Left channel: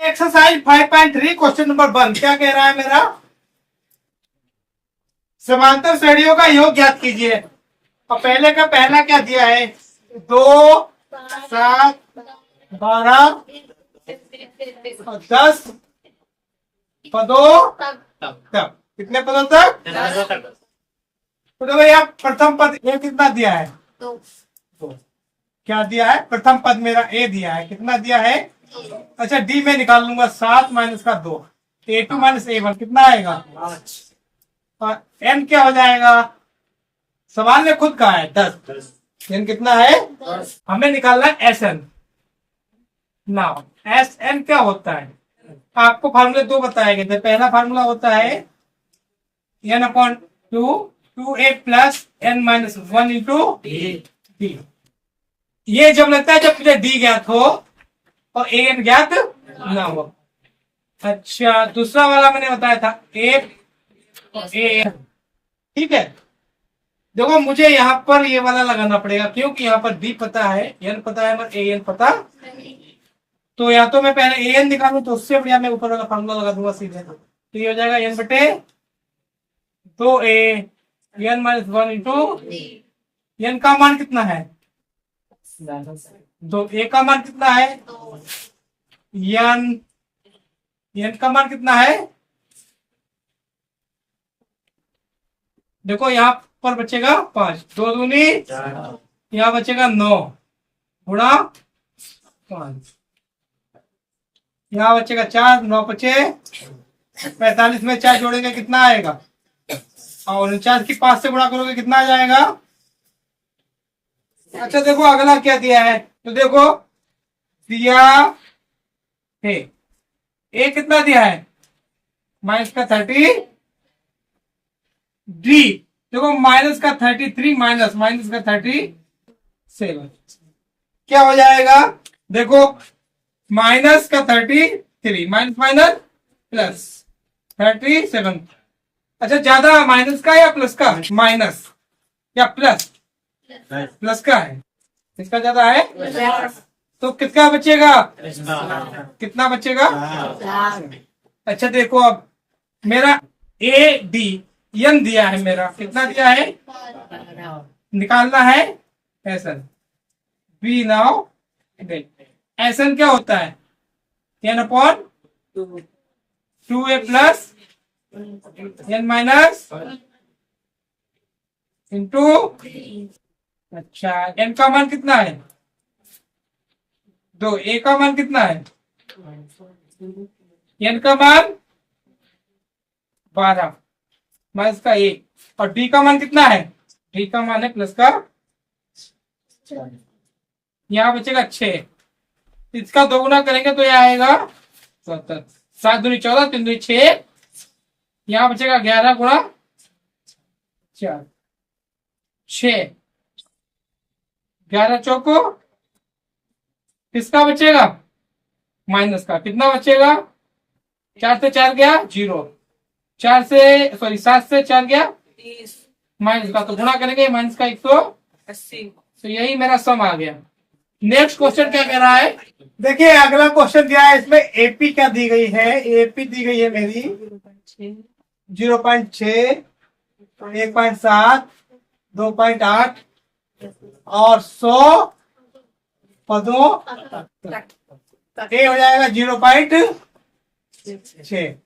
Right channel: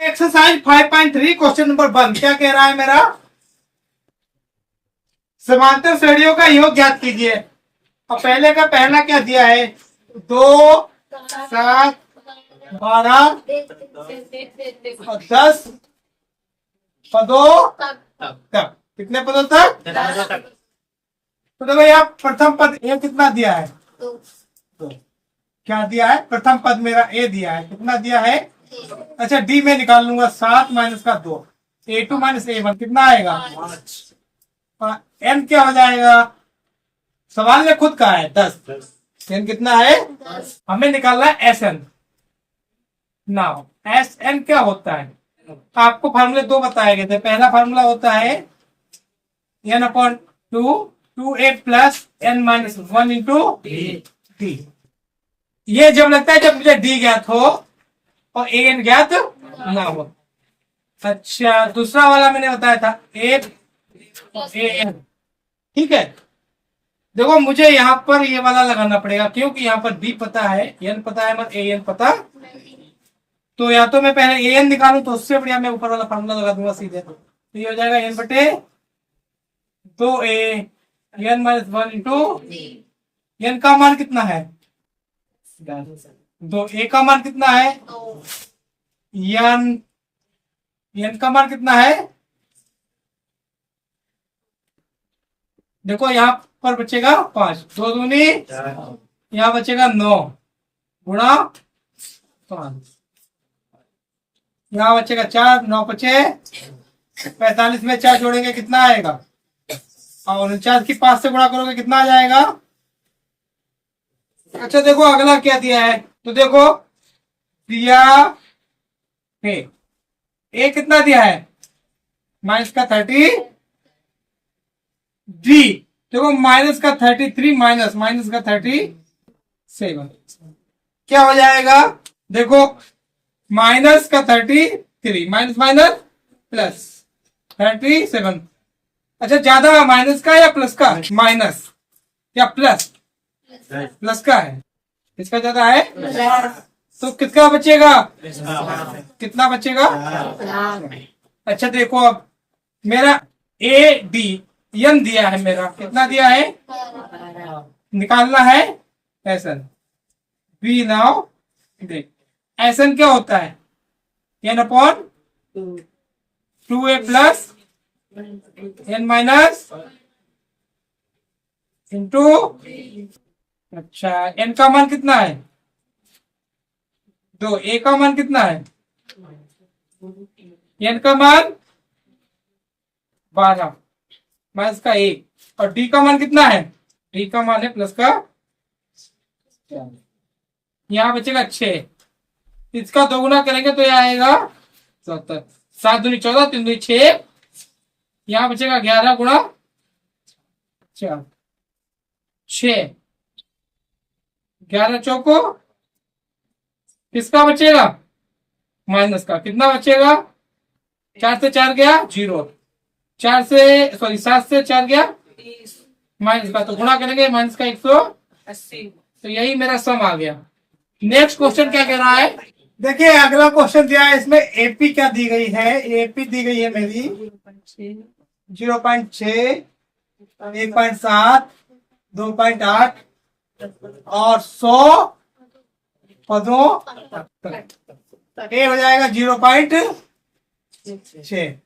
Exercise 5.3 question number 1 क्या कह रहा है मेरा? समांतर श्रेणियों का योग ज्ञात कीजिए। और पहले का पहला क्या दिया है? 2, 7, 12 और 10 पदों तक। कितने पदों तक? तो देखो यहाँ प्रथम पद ए कितना दिया है? 2। क्या दिया है? प्रथम पद मेरा ए दिया है। कितना दिया है? अच्छा, डी में निकाल लूंगा 7 माइनस का 2, A2 माइनस A1 कितना आएगा? 5। एन क्या हो जाएगा? सवाल ने खुद कहा है 10। एन कितना है? हमें निकालना है S N. Now S N क्या होता है? आपको फार्मूले 2 बताए गए थे। पहला फार्मूला होता है N upon 2A plus N minus 1 into D. ये जब लगता है जब मुझे डी ज्ञात हो और ए एन ज्ञात ना हो। अच्छा, दूसरा वाला मैंने बताया था ए एन। ठीक है, देखो मुझे यहाँ पर ये वाला लगाना पड़ेगा क्योंकि यहाँ पर डी पता है, एन पता है, मगर ए एन पता। तो या तो मैं पहले ए एन निकालू तो उससे बढ़िया मैं ऊपर वाला फार्मूला लगा दूंगा सीधे। तो ये हो जाएगा एन बटे 2A N minus 1 into N का मान कितना है? 2। ए का मान कितना है? एन का मान कितना है? देखो यहाँ पर बचेगा 5, 2 दूनी, यहाँ बचेगा 9 गुणा 5, यहाँ बचेगा 4, 9 बचे 45 में 4 जोड़ेंगे कितना आएगा? और 49 की 5 से गुणा करोगे कितना आ जाएगा? अच्छा देखो अगला क्या दिया है, तो देखो दिया है ए कितना दिया है? माइनस का 30। डी देखो माइनस का 33 माइनस का 37। क्या हो जाएगा? देखो माइनस का 33 माइनस माइनस प्लस 37। अच्छा, ज्यादा माइनस का या प्लस का? माइनस या प्लस? प्लस का है। किसका ज्यादा है? तो किसका बचेगा? कितना बचेगा? अच्छा देखो अब मेरा ए डी एन दिया है, मेरा कितना दिया है? निकालना है एसन। बी नाउ एसन क्या होता है? N upon 2A plus N minus into. अच्छा, एन का मान कितना है? 2। ए का मान कितना है? एन का मान 12 माइनस का 1 और डी का मान कितना है? डी का मान है प्लस का 4। यहाँ बचेगा 6। इसका 2 गुना करेंगे तो यह आएगा 74। 7 दूनी 14, 3 दूनी 6, यहाँ बचेगा 11 गुणा 4, 6, 11 चौको किसका बचेगा? माइनस का। कितना बचेगा? 4 से 4 गया 0, 7 से 4 गया माइनस का, तो गुणा करेंगे माइनस का 180। तो यही मेरा सम आ गया। नेक्स्ट क्वेश्चन क्या कह रहा है? देखिए अगला क्वेश्चन दिया है, इसमें एपी क्या दी गई है? एपी दी गई है मेरी 0.6, 1.7, 2.8 और 100 पदों तक। ए हो जाएगा 0.6।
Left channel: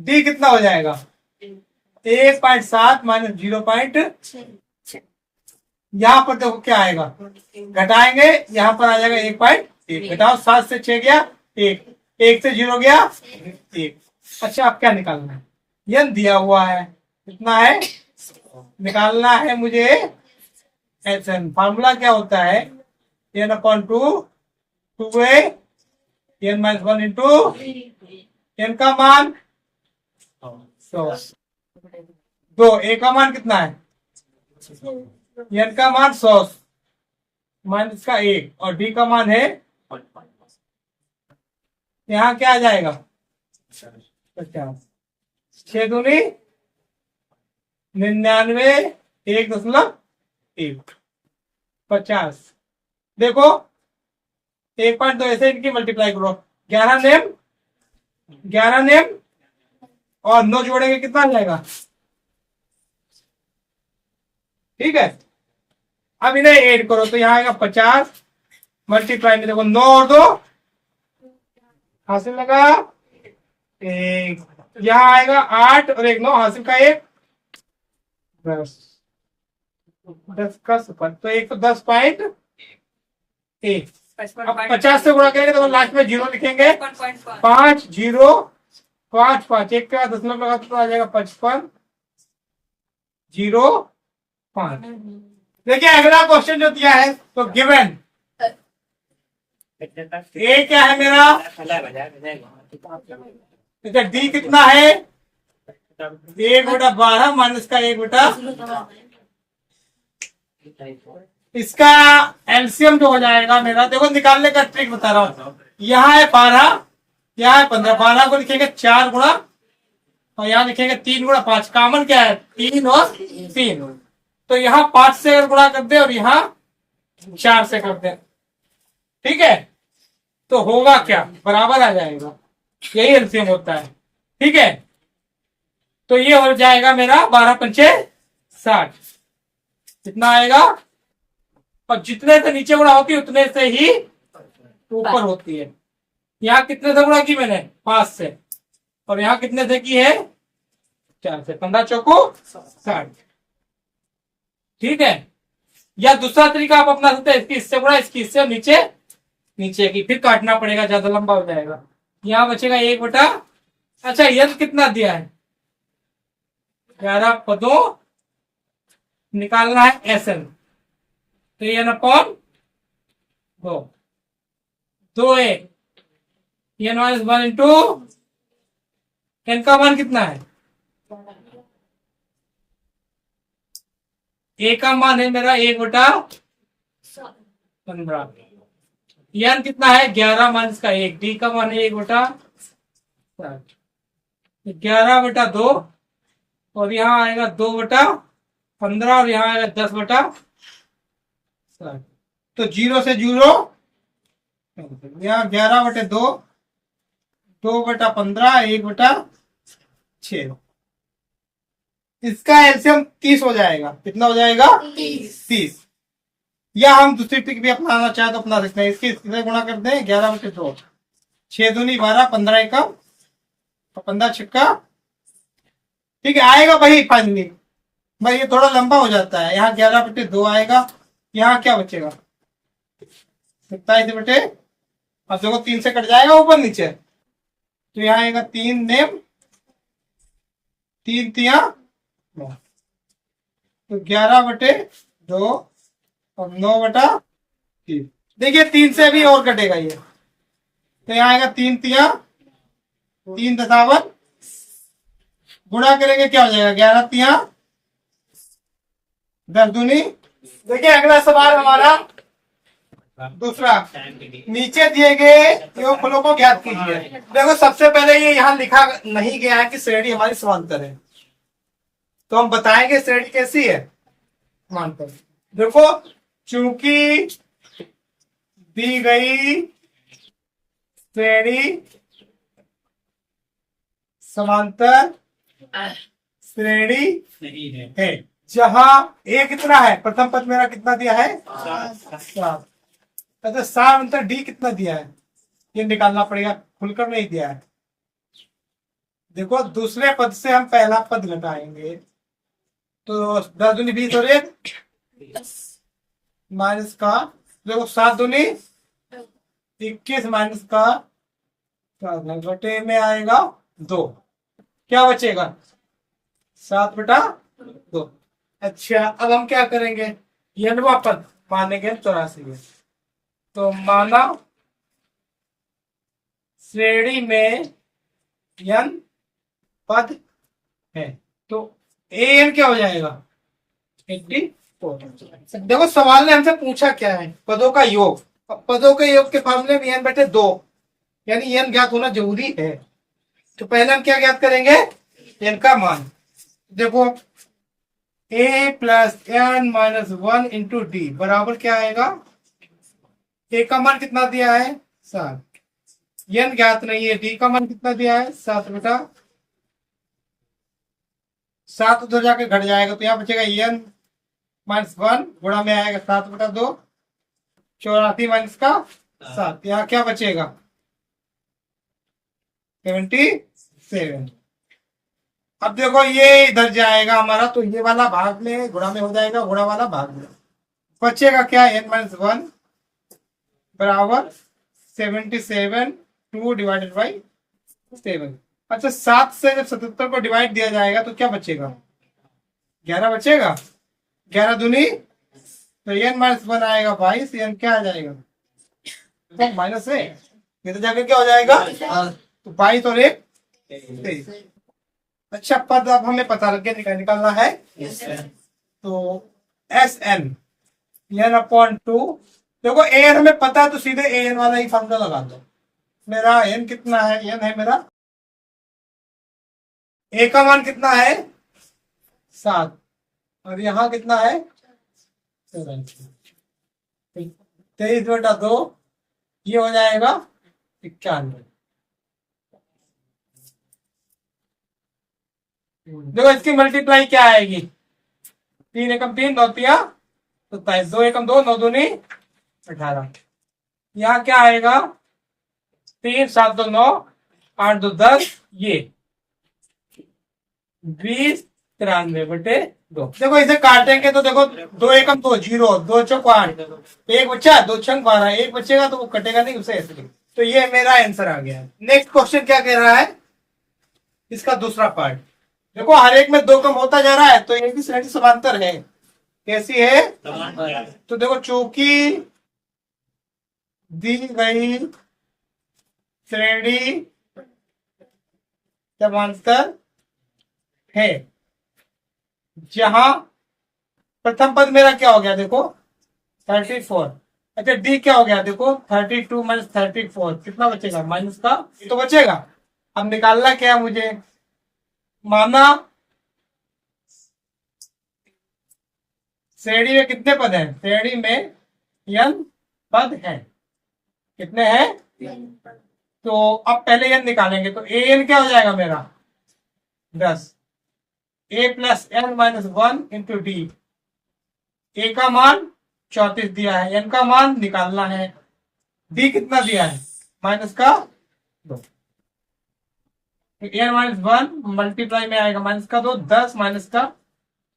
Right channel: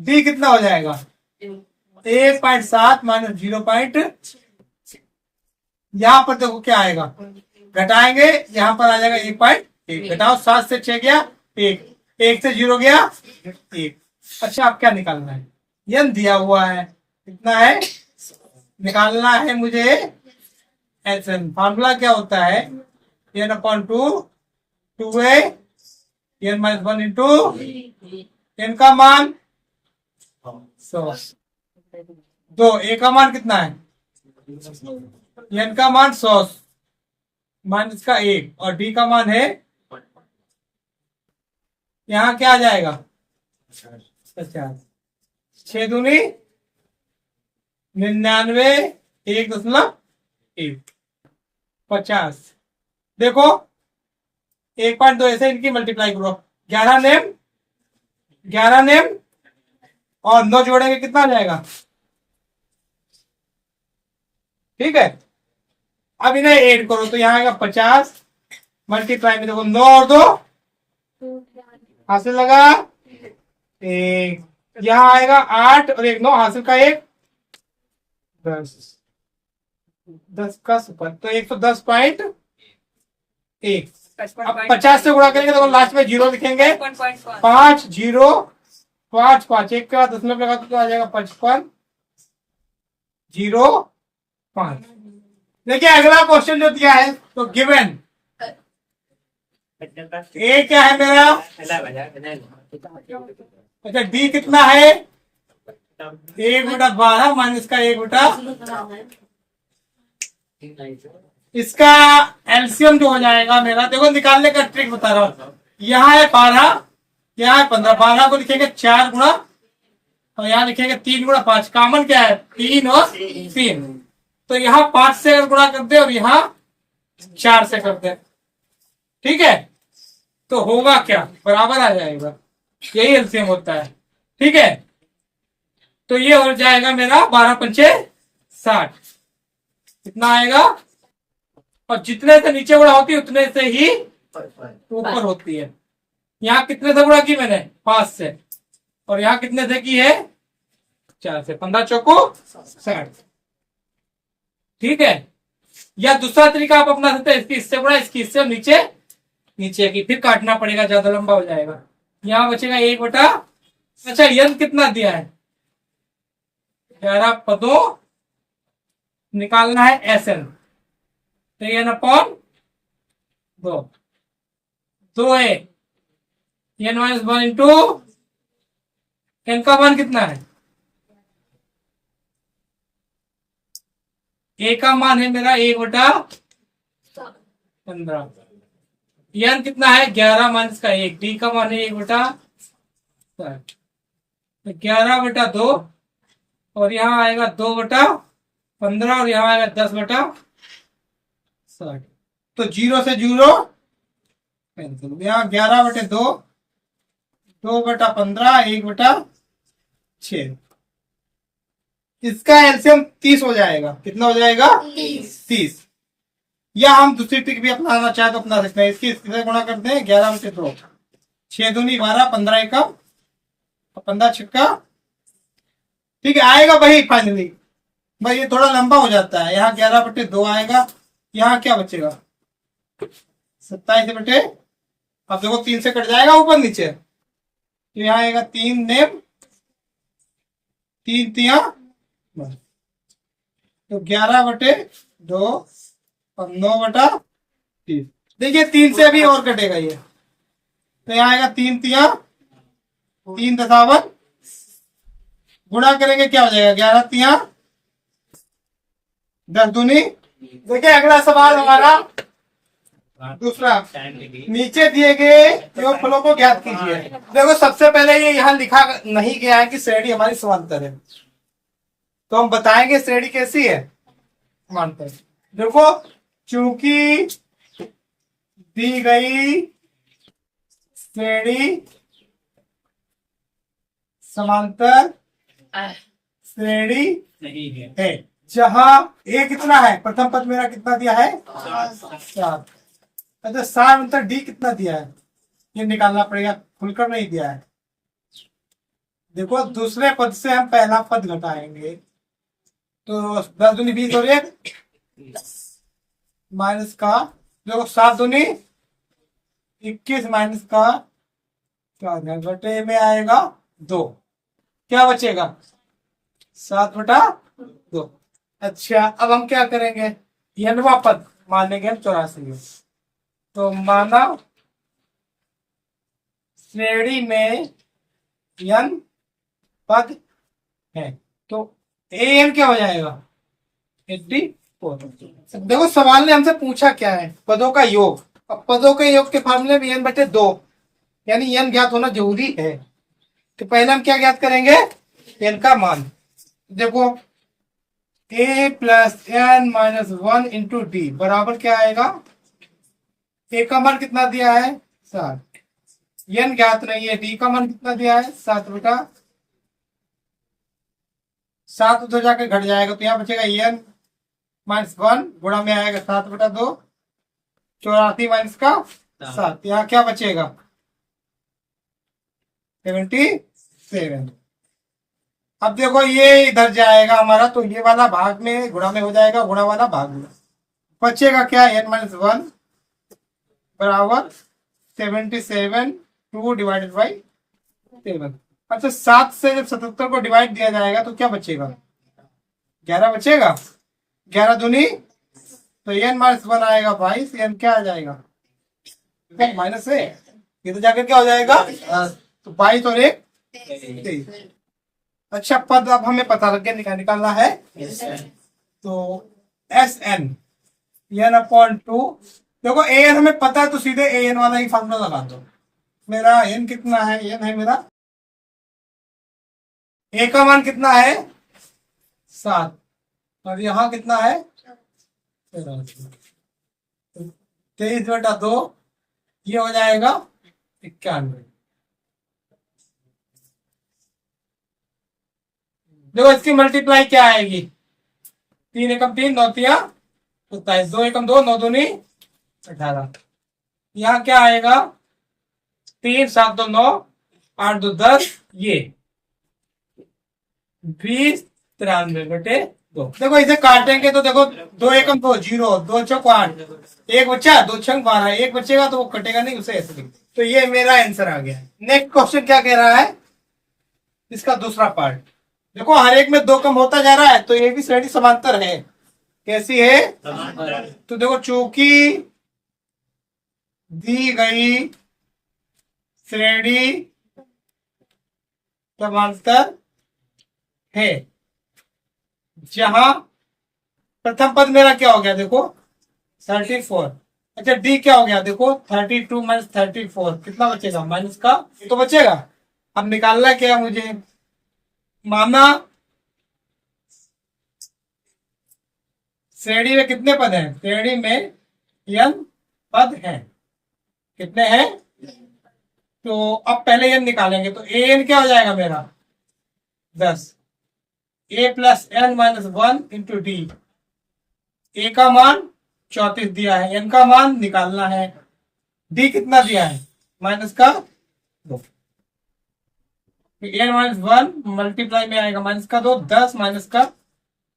डी कितना हो जाएगा? 1.7 माइनस 0.6। यहाँ पर देखो क्या आएगा, घटाएंगे यहाँ पर आ जाएगा 1.1। घटाओ 7 से 6 गया 1, 1 से 0 गया 1। अच्छा, अब क्या निकालना है? एन दिया हुआ है, कितना है? निकालना है मुझे एस एन। फार्मूला क्या होता है? N upon 2A N minus 1 into N का मान 100। 2 ए का मान कितना है? एन का मान 100 माइनस का 1 और डी का मान है, यहाँ क्या आ जाएगा? 50। 6 दूनी 99, 1.1 50। देखो 1.2 ऐसे इनकी मल्टीप्लाई करो, 11 नेम, 11 नेम और 9 जोड़ेंगे कितना आ जाएगा? ठीक है, अब इन्हें ऐड करो तो यहाँ आएगा 50 मल्टीप्लाई में देखो 9 और 2 हासिल लगा एक, यहाँ आएगा 8 और 1 9 हासिल का 1 10, 10 का सुपर तो 110.1। अब 50 से गुणा करेंगे तो लास्ट में जीरो लिखेंगे 5 0 5 5 1 के बाद दशमलव लगा तो आ जाएगा 55 0 5। देखिए अगला क्वेश्चन जो दिया है तो गिवन ए क्या है मेरा, अच्छा डी कितना है 1/12 माइनस का 1/, इसका एलसीएम जो हो जाएगा मेरा, देखो निकालने का ट्रिक बता रहा हूं, यहाँ है 12 यहाँ है 15, 12 को लिखेंगे 4 गुणा और यहाँ लिखेंगे 3 गुणा 5, कॉमन क्या है 3 और 3, तो यहाँ 5 से अगर गुणा कर दे और यहाँ 4 से कर दे, ठीक है, तो होगा क्या बराबर आ जाएगा, यही एलसीएम होता है, ठीक है, तो ये हो जाएगा मेरा 12 पंचे 60, कितना आएगा, और जितने से नीचे गुणा होती है उतने से ही ऊपर होती है, यहाँ कितने से गुणा की मैंने 5 से और यहाँ कितने से की है 4 से, 15 चौको 60, ठीक है, या दूसरा तरीका आप अपना सकते हैं, इसकी इससे गुणा इसकी इससे और नीचे नीचे की, फिर काटना पड़ेगा ज्यादा लंबा हो जाएगा, यहाँ बचेगा 1/, अच्छा यंत्र कितना दिया है 11 पदों, निकालना है एसएन, तो N upon 2 A N minus 1 into N का मान कितना है, ए का मान है मेरा 1/15, एन कितना है 11 माइनस का 1, डी का मान है 1/7, 11/2 और यहाँ आएगा 2/15 और यहाँ आएगा 10/60, तो 0 से 0 कैंसिल, यहाँ 11/2 2/15 1/6, इसका एलसीएम 30 हो जाएगा, कितना हो जाएगा 30, या हम दूसरी ट्रिक भी अपनाना चाहे तो अपना सकते हैं, इसकी गुणा करते हैं 11/2, 6 दूनी 12 15 एकम और 15 छक्का, ठीक है, आएगा भाई फाइनली, भाई ये थोड़ा लंबा हो जाता है, यहाँ 11/2 आएगा, यहाँ क्या बचेगा 27 अब देखो 3 से कट जाएगा ऊपर नीचे, तो यहाँ आएगा 3 नेम 3 तिया, तो 11/2 और 9/3, देखिए 3 से भी और कटेगा ये, तो यहाँ आएगा 3 तिया 3 दशावन, गुणा करेंगे क्या हो जाएगा 11 तिया 10 दूनी। देखिए अगला सवाल हमारा दूसरा, नीचे दिए गए फलों को ज्ञात कीजिए। देखो सबसे पहले ये यहाँ लिखा नहीं गया है कि श्रेणी हमारी समांतर है, तो हम बताएंगे श्रेणी कैसी है समांतर। देखो चूंकि दी गई श्रेणी समांतर श्रेणी नहीं है, जहां ए कितना है, प्रथम पद मेरा कितना दिया है 7, अच्छा सार अंतर डी कितना दिया है ये निकालना पड़ेगा, खुलकर नहीं दिया है। देखो दूसरे पद से हम पहला पद घटाएंगे, तो 10 दूनी 20 और 1 माइनस का, देखो 7 दूनी 21 माइनस का घटे में आएगा 2, क्या बचेगा 7/2। अच्छा अब हम क्या करेंगे, यनवा पद मानेंगे 84, तो माना श्रेणी में यन पद है, तो एन क्या हो जाएगा 84। देखो सवाल ने हमसे पूछा क्या है, पदों का योग, अब पदों के योग के फार्मूले में n/2 यानी n ज्ञात होना जरूरी है, तो पहले हम क्या ज्ञात करेंगे n का मान। देखो a + n - 1 × d बराबर क्या आएगा, a का मान कितना दिया है 7, एन ज्ञात नहीं है, डी का मान कितना दिया है 7 बेटा, 7 उधर जाके घट जाएगा तो यहाँ बचेगा एन माइनस 1 गुणा में आएगा 7 बटा 2, 84 माइनस का 7, यहाँ क्या बचेगा 77। अब देखो ये इधर जाएगा हमारा, तो ये वाला भाग में गुणा में हो जाएगा, गुणा वाला भाग में बचेगा क्या, एन माइनस 1 बराबर 77, 2 डिवाइडेड बाई 7। अच्छा 7 से जब 77 को डिवाइड दिया जाएगा तो क्या बचेगा 11 बचेगा, 11 दूनी तो एन माइनस 1 आएगा 22, एन क्या आ जाएगा तो माइनस है, ये तो जाकर क्या हो जाएगा तो 22 और 1 23। अच्छा पद अब हमें पता लग गया, निकालना है तो एस एन एन अपॉन 2। देखो ए एन हमें पता है तो सीधे ए एन वाला ही फॉर्मूला लगा दो। मेरा एन कितना है, एन है मेरा, ए का मान कितना है 7 और यहाँ कितना है 23 बटा 2, ये हो जाएगा 91। देखो इसकी मल्टीप्लाई क्या आएगी, 3 एकम 3, 9 तिया 27, 2 एकम 2, 9 दूनी 18। यहाँ क्या आएगा 3 7 2 9, 8 2 10, ये 20 93 बटे 2। देखो इसे काटेंगे तो देखो 2 एकम 2 0, 2 चौक 8, एक बच्चा 2 छंग 12, एक बचेगा तो वो कटेगा नहीं, उसे ऐसे लिख। तो ये मेरा आंसर आ गया। नेक्स्ट क्वेश्चन क्या कह रहा है, इसका दूसरा पार्ट देखो, हर एक में 2 कम होता जा रहा है तो ये भी श्रेणी समांतर है। कैसी है तो देखो, चूंकि दी गई श्रेणी समांतर है, जहां प्रथम पद मेरा क्या हो गया देखो 34, अच्छा डी क्या हो गया देखो 32 माइनस 34, कितना बचेगा माइनस का तो बचेगा। अब निकालना क्या मुझे, माना श्रेणी में कितने पद हैं, श्रेणी में n पद हैं, कितने हैं तो अब पहले n निकालेंगे तो an क्या हो जाएगा मेरा 10, a plus N minus 1 into D. A का मान 34 दिया है, एन का मान निकालना है, डी कितना दिया है माइनस का 2, एन माइनस 1 मल्टीप्लाई में आएगा माइनस का 2, 10 माइनस का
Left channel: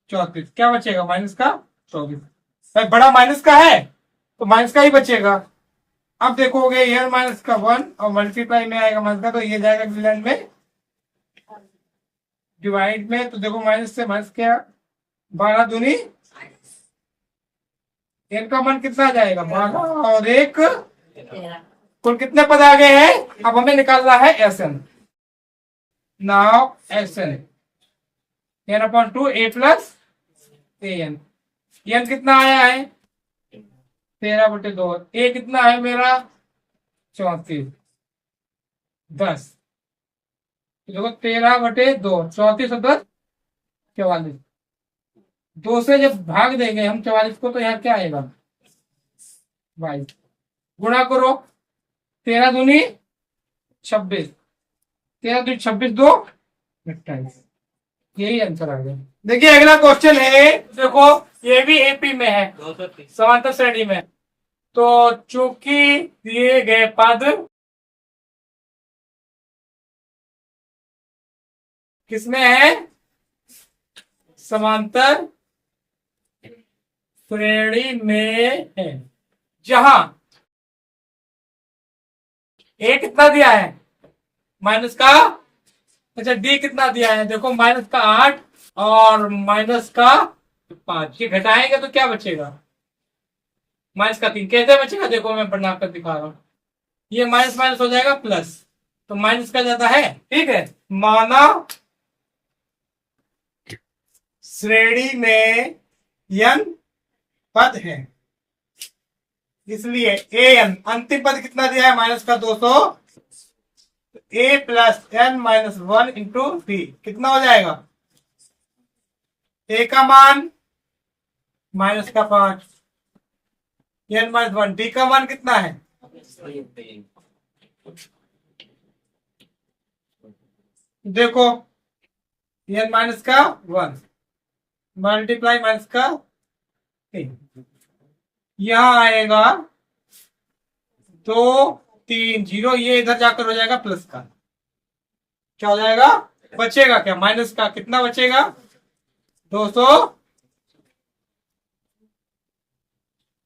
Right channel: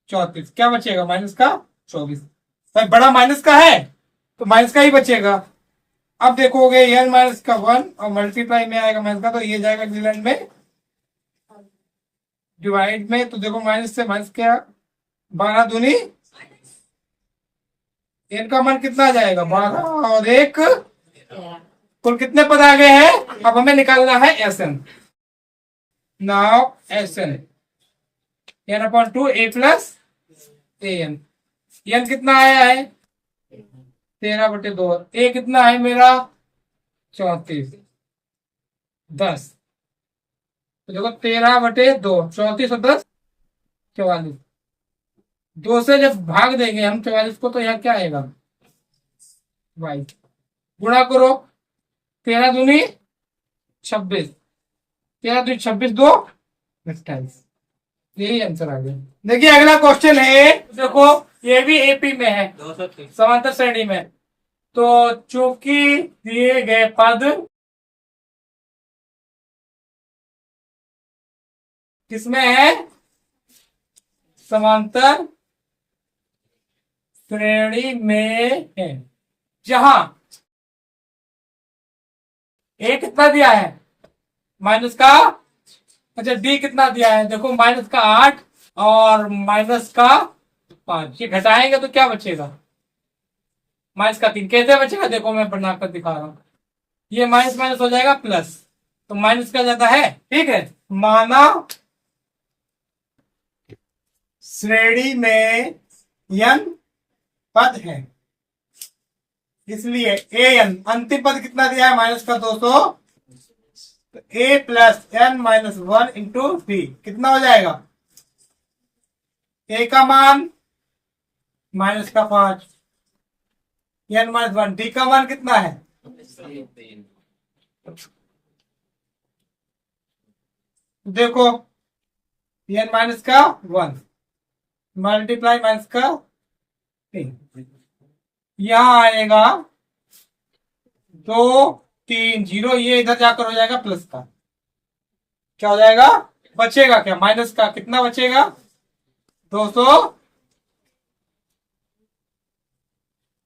34, क्या बचेगा माइनस का 24। भाई बड़ा माइनस का है तो माइनस का ही बचेगा। अब देखोगे एन माइनस का 1 और मल्टीप्लाई में आएगा माइनस का, तो ये जाएगा डिवाइड में, डिवाइड में तो देखो माइनस से माइनस क्या 12 दूनी, एन का मान कितना आ जाएगा 12 और 1, कुल कितने पद आ गए हैं। अब हमें निकालना है S N. Now S N N upon 2 A plus A N, N कितना आया है 13 बटे 2, ए कितना है मेरा 34, 10 तो देखो 13 बटे 2, 34 और 10 44, 2 से जब भाग देंगे हम 44 को तो यहाँ क्या आएगा 22, गुणा करो 13 दूनी 26, 13 दूनी 26, 2 28, यही आंसर आ गया। देखिए अगला क्वेश्चन है, देखो ये भी एपी में है, समांतर श्रेणी में, तो चूंकि दिए गए पद किसमें है समांतर श्रेणी में है, जहां ए कितना दिया है माइनस का, अच्छा डी कितना दिया है देखो माइनस का 8 और माइनस का 5, ये घटाएंगे तो क्या बचेगा माइनस का 3, कैसे बचेगा देखो मैं बनाकर दिखा रहा हूं, ये माइनस माइनस हो जाएगा प्लस, तो माइनस का ज्यादा है, ठीक है। माना श्रेणी में n पद है, इसलिए ए एन अंतिम पद कितना दिया है माइनस का 200, A plus N minus 1 into D कितना हो जाएगा, ए का मान माइनस का 5, एन माइनस 1, डी का मान कितना है देखो एन माइनस का 1 मल्टीप्लाई माइनस का 3, यहाँ आएगा 2 3 0, ये इधर जाकर हो जाएगा प्लस का, क्या हो जाएगा, बचेगा क्या, माइनस का कितना बचेगा 200।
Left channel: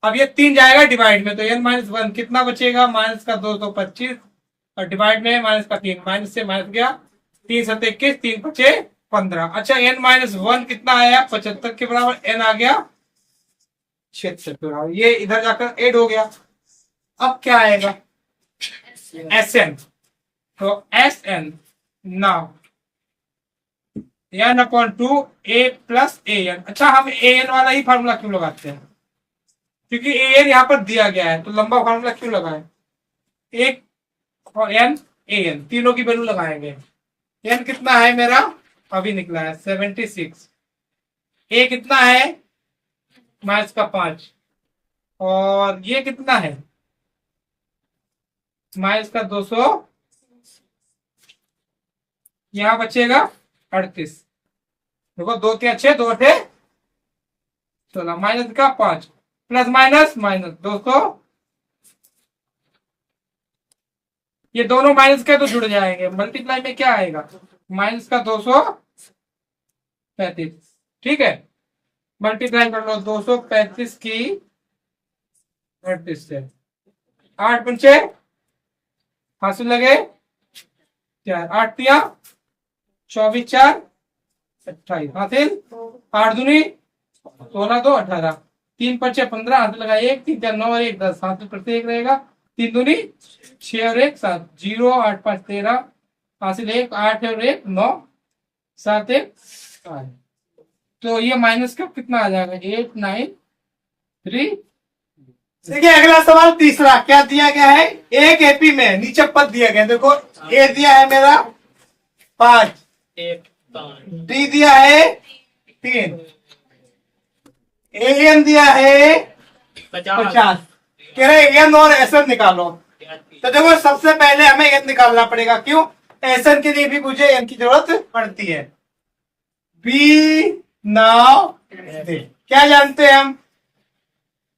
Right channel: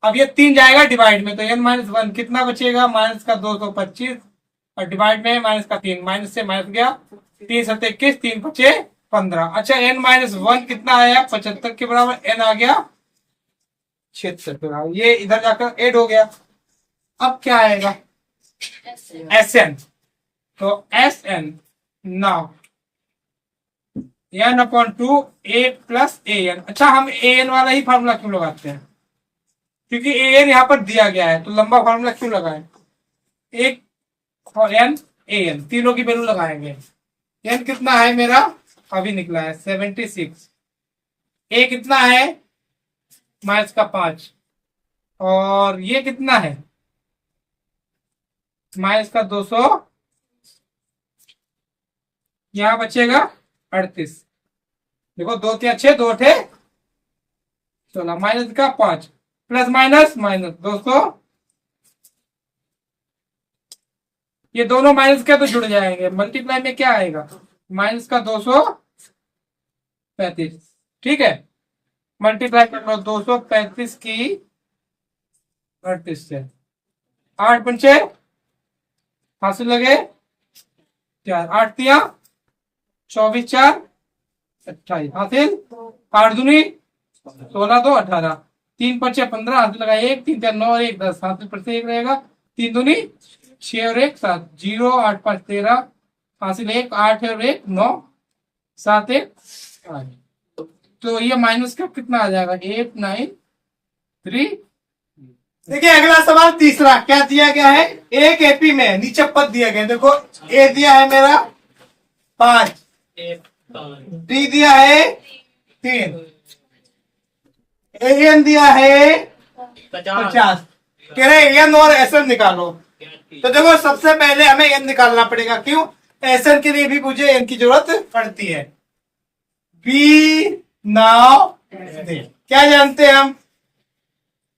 अब ये 3 जाएगा डिवाइड में, तो n माइनस 1 कितना बचेगा, माइनस का 225, और डिवाइड में माइनस का 3, माइनस से माइनस गया, 3 7 21, 3 बचे 15। अच्छा n माइनस 1 कितना आया, 75 के बराबर, n आ गया 76 के बराबर, ये इधर जाकर ऐड हो गया। अब क्या आएगा, Sn, तो Sn now n/2 a plus an। अच्छा, हम an वाला ही फार्मूला क्यों लगाते हैं, क्योंकि an यहाँ पर दिया गया है, तो लंबा फार्मूला क्यों लगाएं, एक और n an तीनों की वैल्यू लगाएंगे। n कितना है मेरा, अभी निकला है 76, a कितना है माइनस का 5, और ये कितना है माइनस का 200, यहां बचेगा 38। देखो 2 के 6, 2 थे 16, माइनस का 5, प्लस माइनस माइनस 200, ये दोनों माइनस के तो जुड़ जाएंगे, मल्टीप्लाई में क्या आएगा, माइनस का 235, ठीक है, मल्टीप्लाई कर लो 235 की 38 से, 8 पंचे हासिल लगे 4, 8 तिया 24 4 28 हासिल, 8 दूनी 16 2 18, 3 पंचे 15 हासिल लगा 1, 3 4 9 1 10 हासिल पर से 1 रहेगा, 3 दूनी 6 और 1 7, 0 8 5 13 हासिल 1, 8 और 1 9 7 1 8। तो ये माइनस का कितना आ जाएगा 8 9 3। देखिए अगला सवाल तीसरा, क्या दिया गया है, एक एपी में नीचे पद दिया गया, देखो ए दिया है मेरा 5, डी दिया है 3, एन दिया है 50, कह रहे एन और एसएन निकालो। तो देखो सबसे पहले हमें एन निकालना पड़ेगा, क्यों, एसएन के लिए भी मुझे एन की जरूरत पड़ती है। बी नाउ क्या जानते हैं हम,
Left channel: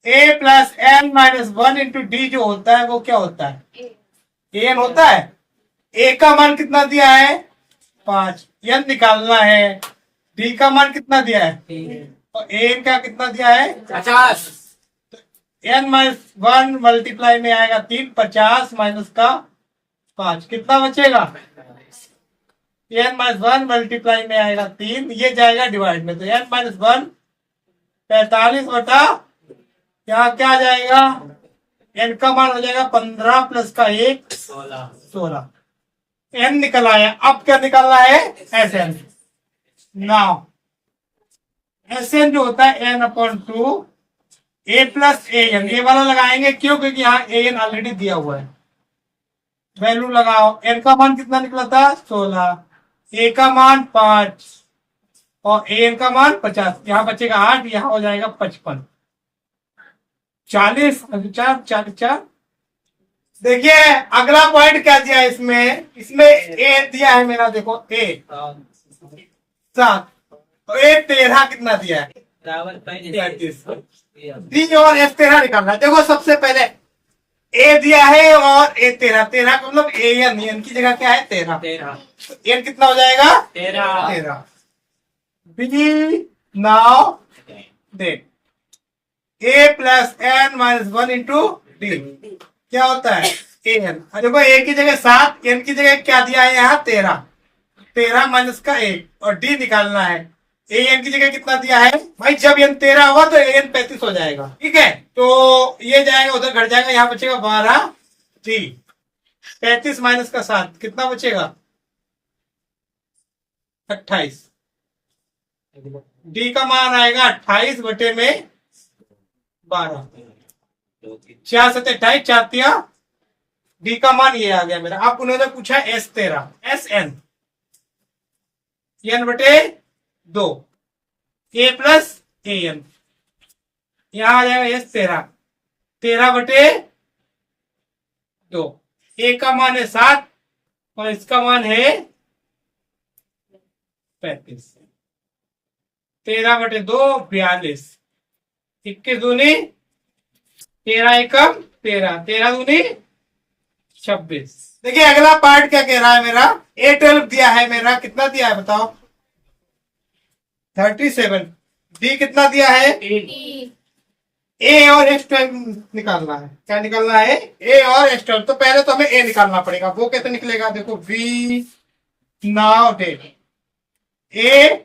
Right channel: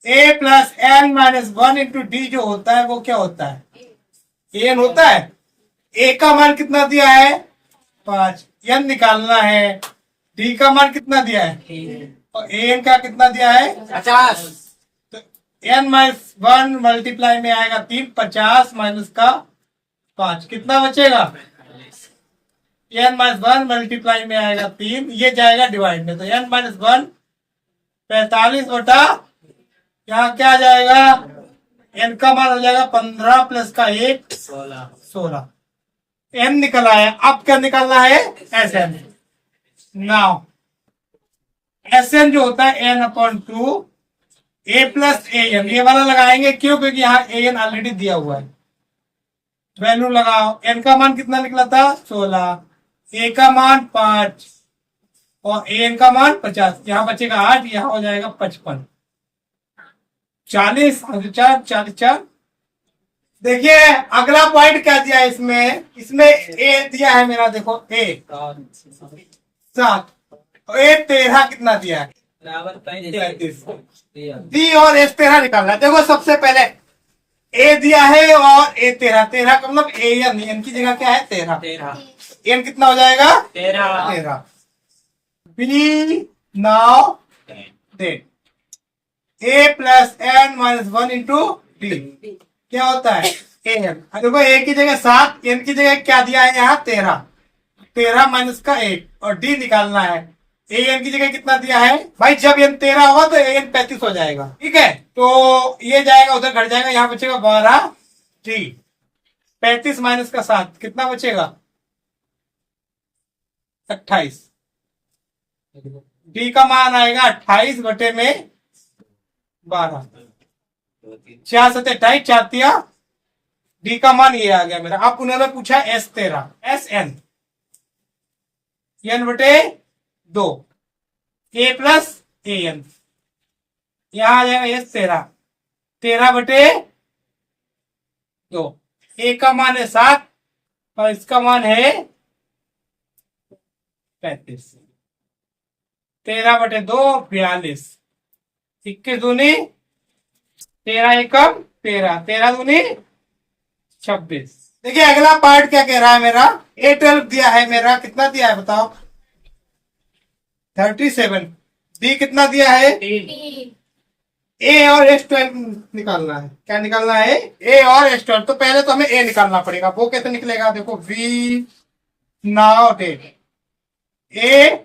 A plus N minus 1 into D जो होता है वो क्या होता है, एन होता है। ए का मान कितना दिया है 5, एन निकालना है, डी का मान कितना दिया है, और एन का कितना दिया है 50। तो एन माइनस 1 मल्टीप्लाई में आएगा 3, 50 माइनस का 5 कितना बचेगा, एन माइनस 1 मल्टीप्लाई में आएगा 3, ये जाएगा डिवाइड में, तो एन माइनस 1 45 बटा, यहाँ क्या आ जाएगा, एन का मान हो जाएगा 15 प्लस का 1 16, एन निकल आया। अब क्या निकालना है, S N. Now S N जो होता है n/2 A plus A N, ये वाला लगाएंगे, क्यों, क्योंकि यहाँ ए एन ऑलरेडी दिया हुआ है, वैल्यू लगाओ, एन का मान कितना निकला था 16, ए का मान 5 और ए एन का मान 50, यहाँ बचेगा 8, यहाँ हो जाएगा 55, 40 40 4। देखिए अगला पॉइंट क्या दिया है इसमें, इसमें ए दिया है मेरा, देखो ए 7 और ए 13 कितना दिया है 33, डी और एस 13 निकालना है। देखो सबसे पहले ए दिया है और ए 13, 13 का मतलब ए एन की जगह क्या है 13, एन कितना हो जाएगा 13। बी नाउ देख A plus N minus 1 into D क्या होता है ए एन। देखो ए की जगह 7, एन की जगह क्या दिया है यहाँ 13, 13 माइनस का 1, और डी निकालना है, ए एन की जगह कितना दिया है भाई, जब एन 13 होगा तो ए एन 35 हो जाएगा, ठीक है, तो ये जाएगा उधर घट जाएगा, यहाँ बचेगा 12 डी, 35 माइनस का 7 कितना बचेगा 28, डी का मान आएगा 28 बटे में 12, 4 7 28, 4 तिया, डी का मान ये आ गया मेरा। अब उन्होंने पूछा एस 13, एस एन एन बटे 2 ए प्लस ए एन, यहां आ जाएगा एस 13, 13 बटे 2, ए का मान है 7 और इसका मान है 35। 13/2 42। 21 दूनी 13 एकम 13, 13 दूनी 26। देखिए अगला पार्ट क्या कह रहा है मेरा, A12 दिया है मेरा, कितना दिया है बताओ, 37। B कितना दिया है, A और S12 निकालना है। क्या निकालना है, A और S12। तो पहले तो हमें A निकालना पड़ेगा। वो कैसे निकलेगा, देखो V नाउ डेट A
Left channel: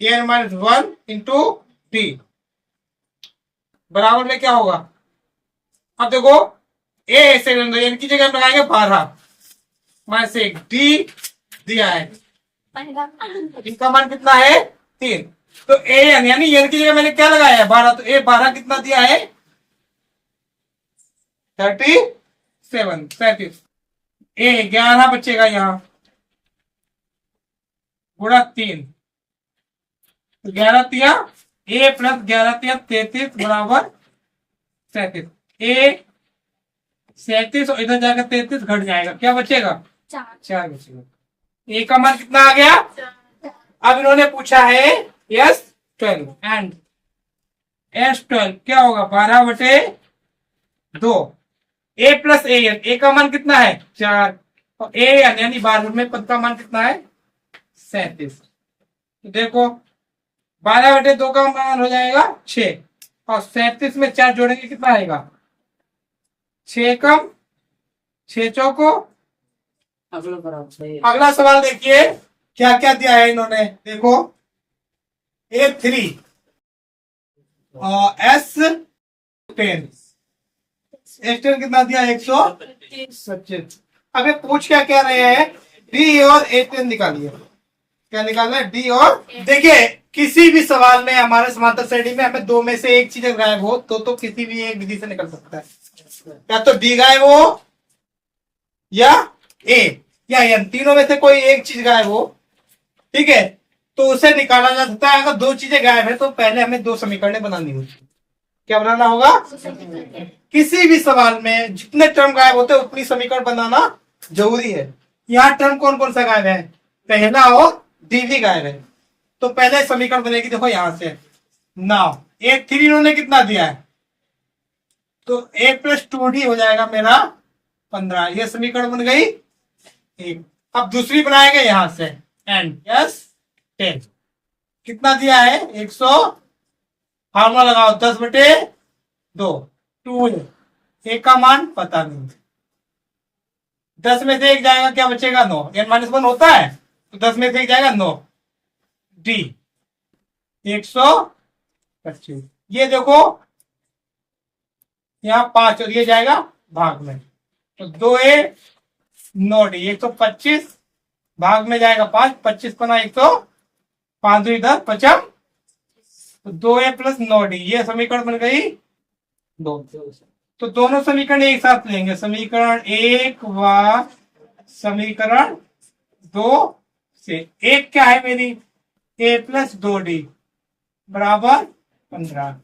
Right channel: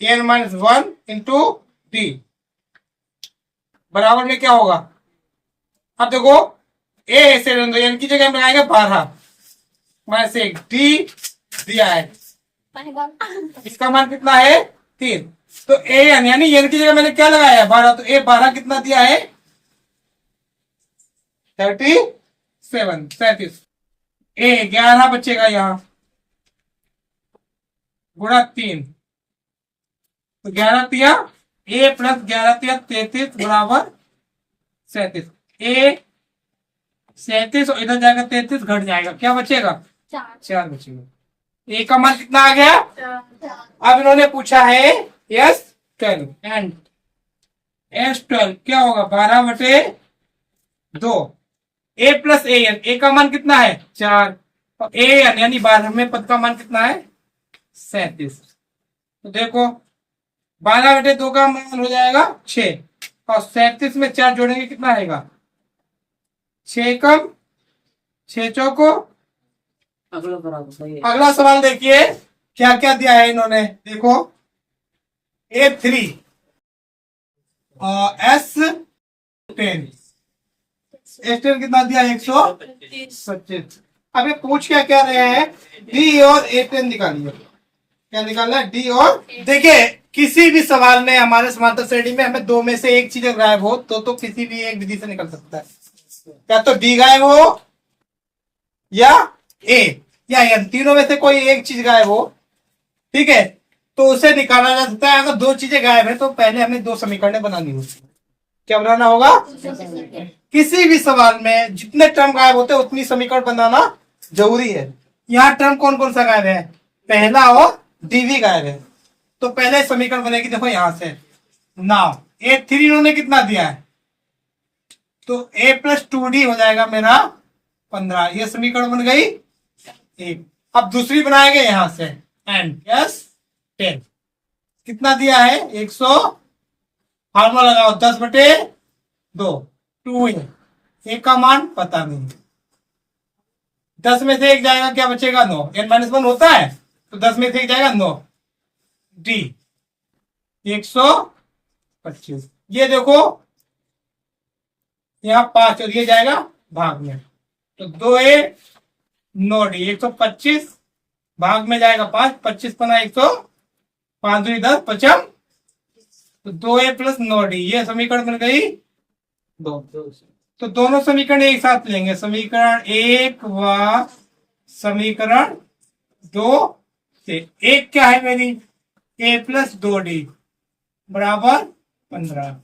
n-1 इंटू D बराबर में क्या होगा। अब देखो A ऐसे रहने दो, n की जगह हम लगाएंगे 12 माइनस 1। D दिया है, इसका मान कितना है 3। तो ए यानी एन की जगह मैंने क्या लगाया है 12, तो ए 12 कितना दिया है 37। ए 11 बचेगा यहाँ, गुणा 3, तो 11 तिया ए प्लस 11 तिया 33 बराबर 37। ए 37 और इधर जाएगा 33 घट जाएगा, क्या बचेगा 4 बचेगा। ए का मान कितना आ गया। अब इन्होंने पूछा है S12 एंड S12 क्या होगा 12/2। A प्लस ए एन, ए का मान कितना है 4 और ए एन यानी 12वें पद का मान कितना है 37। तो देखो 12/2 का मान हो जाएगा 6 और 37 में 4 जोड़ेंगे कितना आएगा 6 कम 6 चौको। अगला सवाल देखिए क्या क्या दिया है इन्होंने, देखो A3 और S10 कितना दिया 125। अब ये पूछ क्या कह रहे हैं D और A10 निकालिए। क्या निकालना है D और, देखिए किसी भी सवाल में हमारे समांतर श्रेणी में हमें दो में से एक चीज गायब हो तो किसी भी एक विधि से निकल सकता है, या तो D गायब हो या A या N, तीनों में से कोई एक चीज गायब हो, ठीक है, तो उसे निकाला जा सकता है। अगर दो चीजें गायब है तो पहले हमें दो समीकरण बनानी होगी। क्या बनाना होगा, किसी भी सवाल में जितने टर्म गायब होते हैं उतनी समीकरण बनाना जरूरी है। यहाँ टर्म कौन कौन सा गायब है, पहला और डीवी गायब है, तो पहले समीकरण बनेगी। देखो यहां से नाउ A3 इन्होंने कितना दिया है, तो A प्लस 2D हो जाएगा मेरा 15, ये समीकरण बन गई एक। अब दूसरी बनाएंगे यहां से एंड S10 कितना दिया है 100, फार्मूला लगाओ 10/2 2 एक का मान पता नहीं, 10 में से एक जाएगा क्या बचेगा 9, n-1 होता है तो 10 में से एक जाएगा 9, D 125। ये देखो यहाँ 5 और ये जाएगा भाग में, तो 2A 9D 125 भाग में जाएगा 5, 25 पना 100, 5 2 10 55, तो 2A प्लस 9D ये समीकरण बन गई 2। तो दोनों समीकरण एक साथ लेंगे, समीकरण 1 व समीकरण 2 से। एक क्या है मेरी A प्लस 2D बराबर 15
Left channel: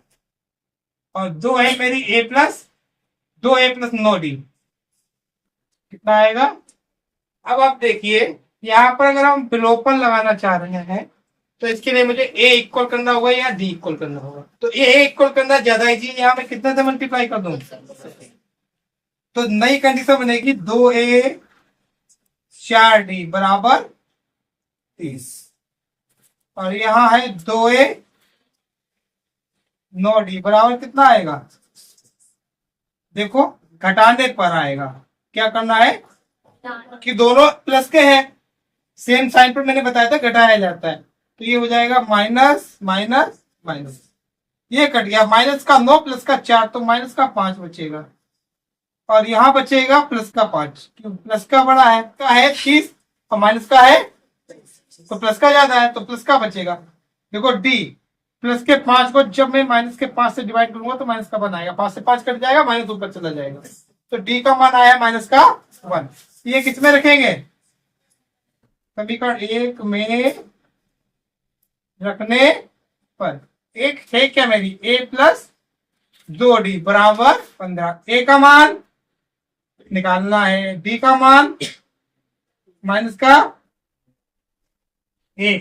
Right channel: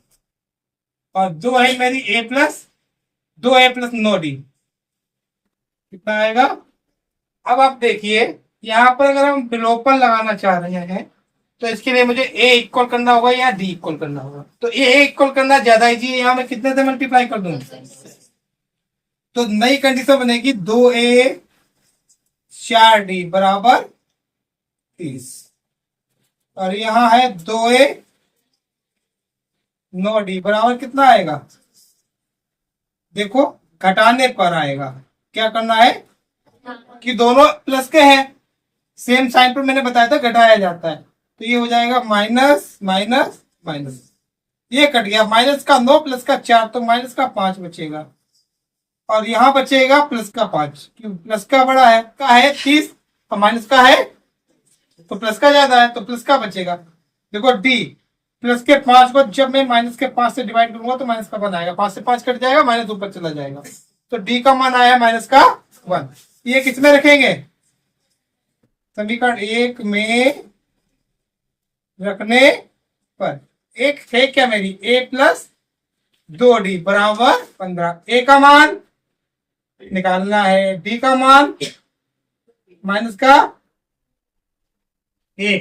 और 2 है मेरी A प्लस 9D कितना आएगा। अब आप देखिए यहाँ पर अगर हम विलोपन लगाना चाह रहे हैं तो इसके लिए मुझे A इक्वल करना होगा या D इक्वल करना होगा, तो A इक्वल करना ज्यादा इजी है, यहाँ मैं कितने से मल्टीप्लाई कर दूं, तो नई कंडीशन बनेगी 2A 4D बराबर 30 और यहाँ है 2A 9D बराबर कितना आएगा, देखो घटाने पर आएगा। क्या करना है कि दोनों प्लस के हैं, सेम साइन पर मैंने बताया था घटाया जाता है, तो ये हो जाएगा माइनस माइनस माइनस, ये कट गया, माइनस का 9 प्लस का 4 तो माइनस का 5 बचेगा और यहाँ बचेगा प्लस का 5, क्यों प्लस का बड़ा है, का है 30 और माइनस का है तो प्लस का ज्यादा है तो प्लस का बचेगा। देखो D प्लस के 5 को जब मैं माइनस के 5 से डिवाइड करूंगा तो माइनस का बनाएगा, 5 से 5 कट जाएगा, माइनस ऊपर चला जाएगा, तो D का मान आया माइनस का 1। ये किसमें रखेंगे, समीकरण 1 में रखने पर। एक है क्या मेरी A प्लस 2D बराबर 15, A का मान निकालना है, D का मान माइनस का ए,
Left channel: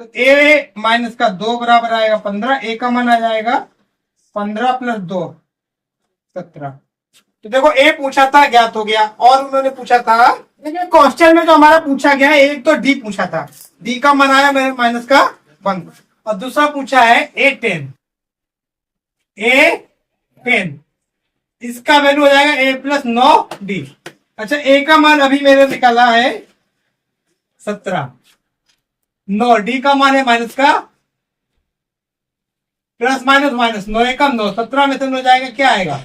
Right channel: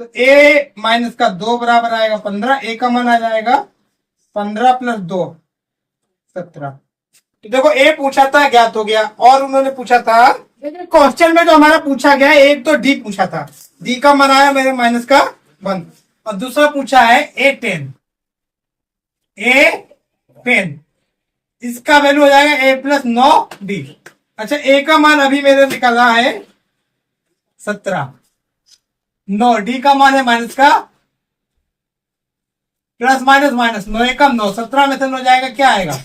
तो ए माइनस का 2 बराबर आएगा 15। ए का मान आ जाएगा 15 प्लस 2 17। तो देखो ए पूछा था, ज्ञात हो गया। और उन्होंने पूछा था, देखिए क्वेश्चन में तो हमारा पूछा गया एक तो डी पूछा था, डी का मान आया मेरे माइनस का 1। और दूसरा पूछा है A10, A10 इसका वैल्यू हो जाएगा ए प्लस 9D। अच्छा, ए का मान अभी मेरे निकाला है 17, 9 डी का मान है माइनस का, प्लस माइनस माइनस 9 एकम 9, 17 में से 9 जाएगा, क्या आएगा?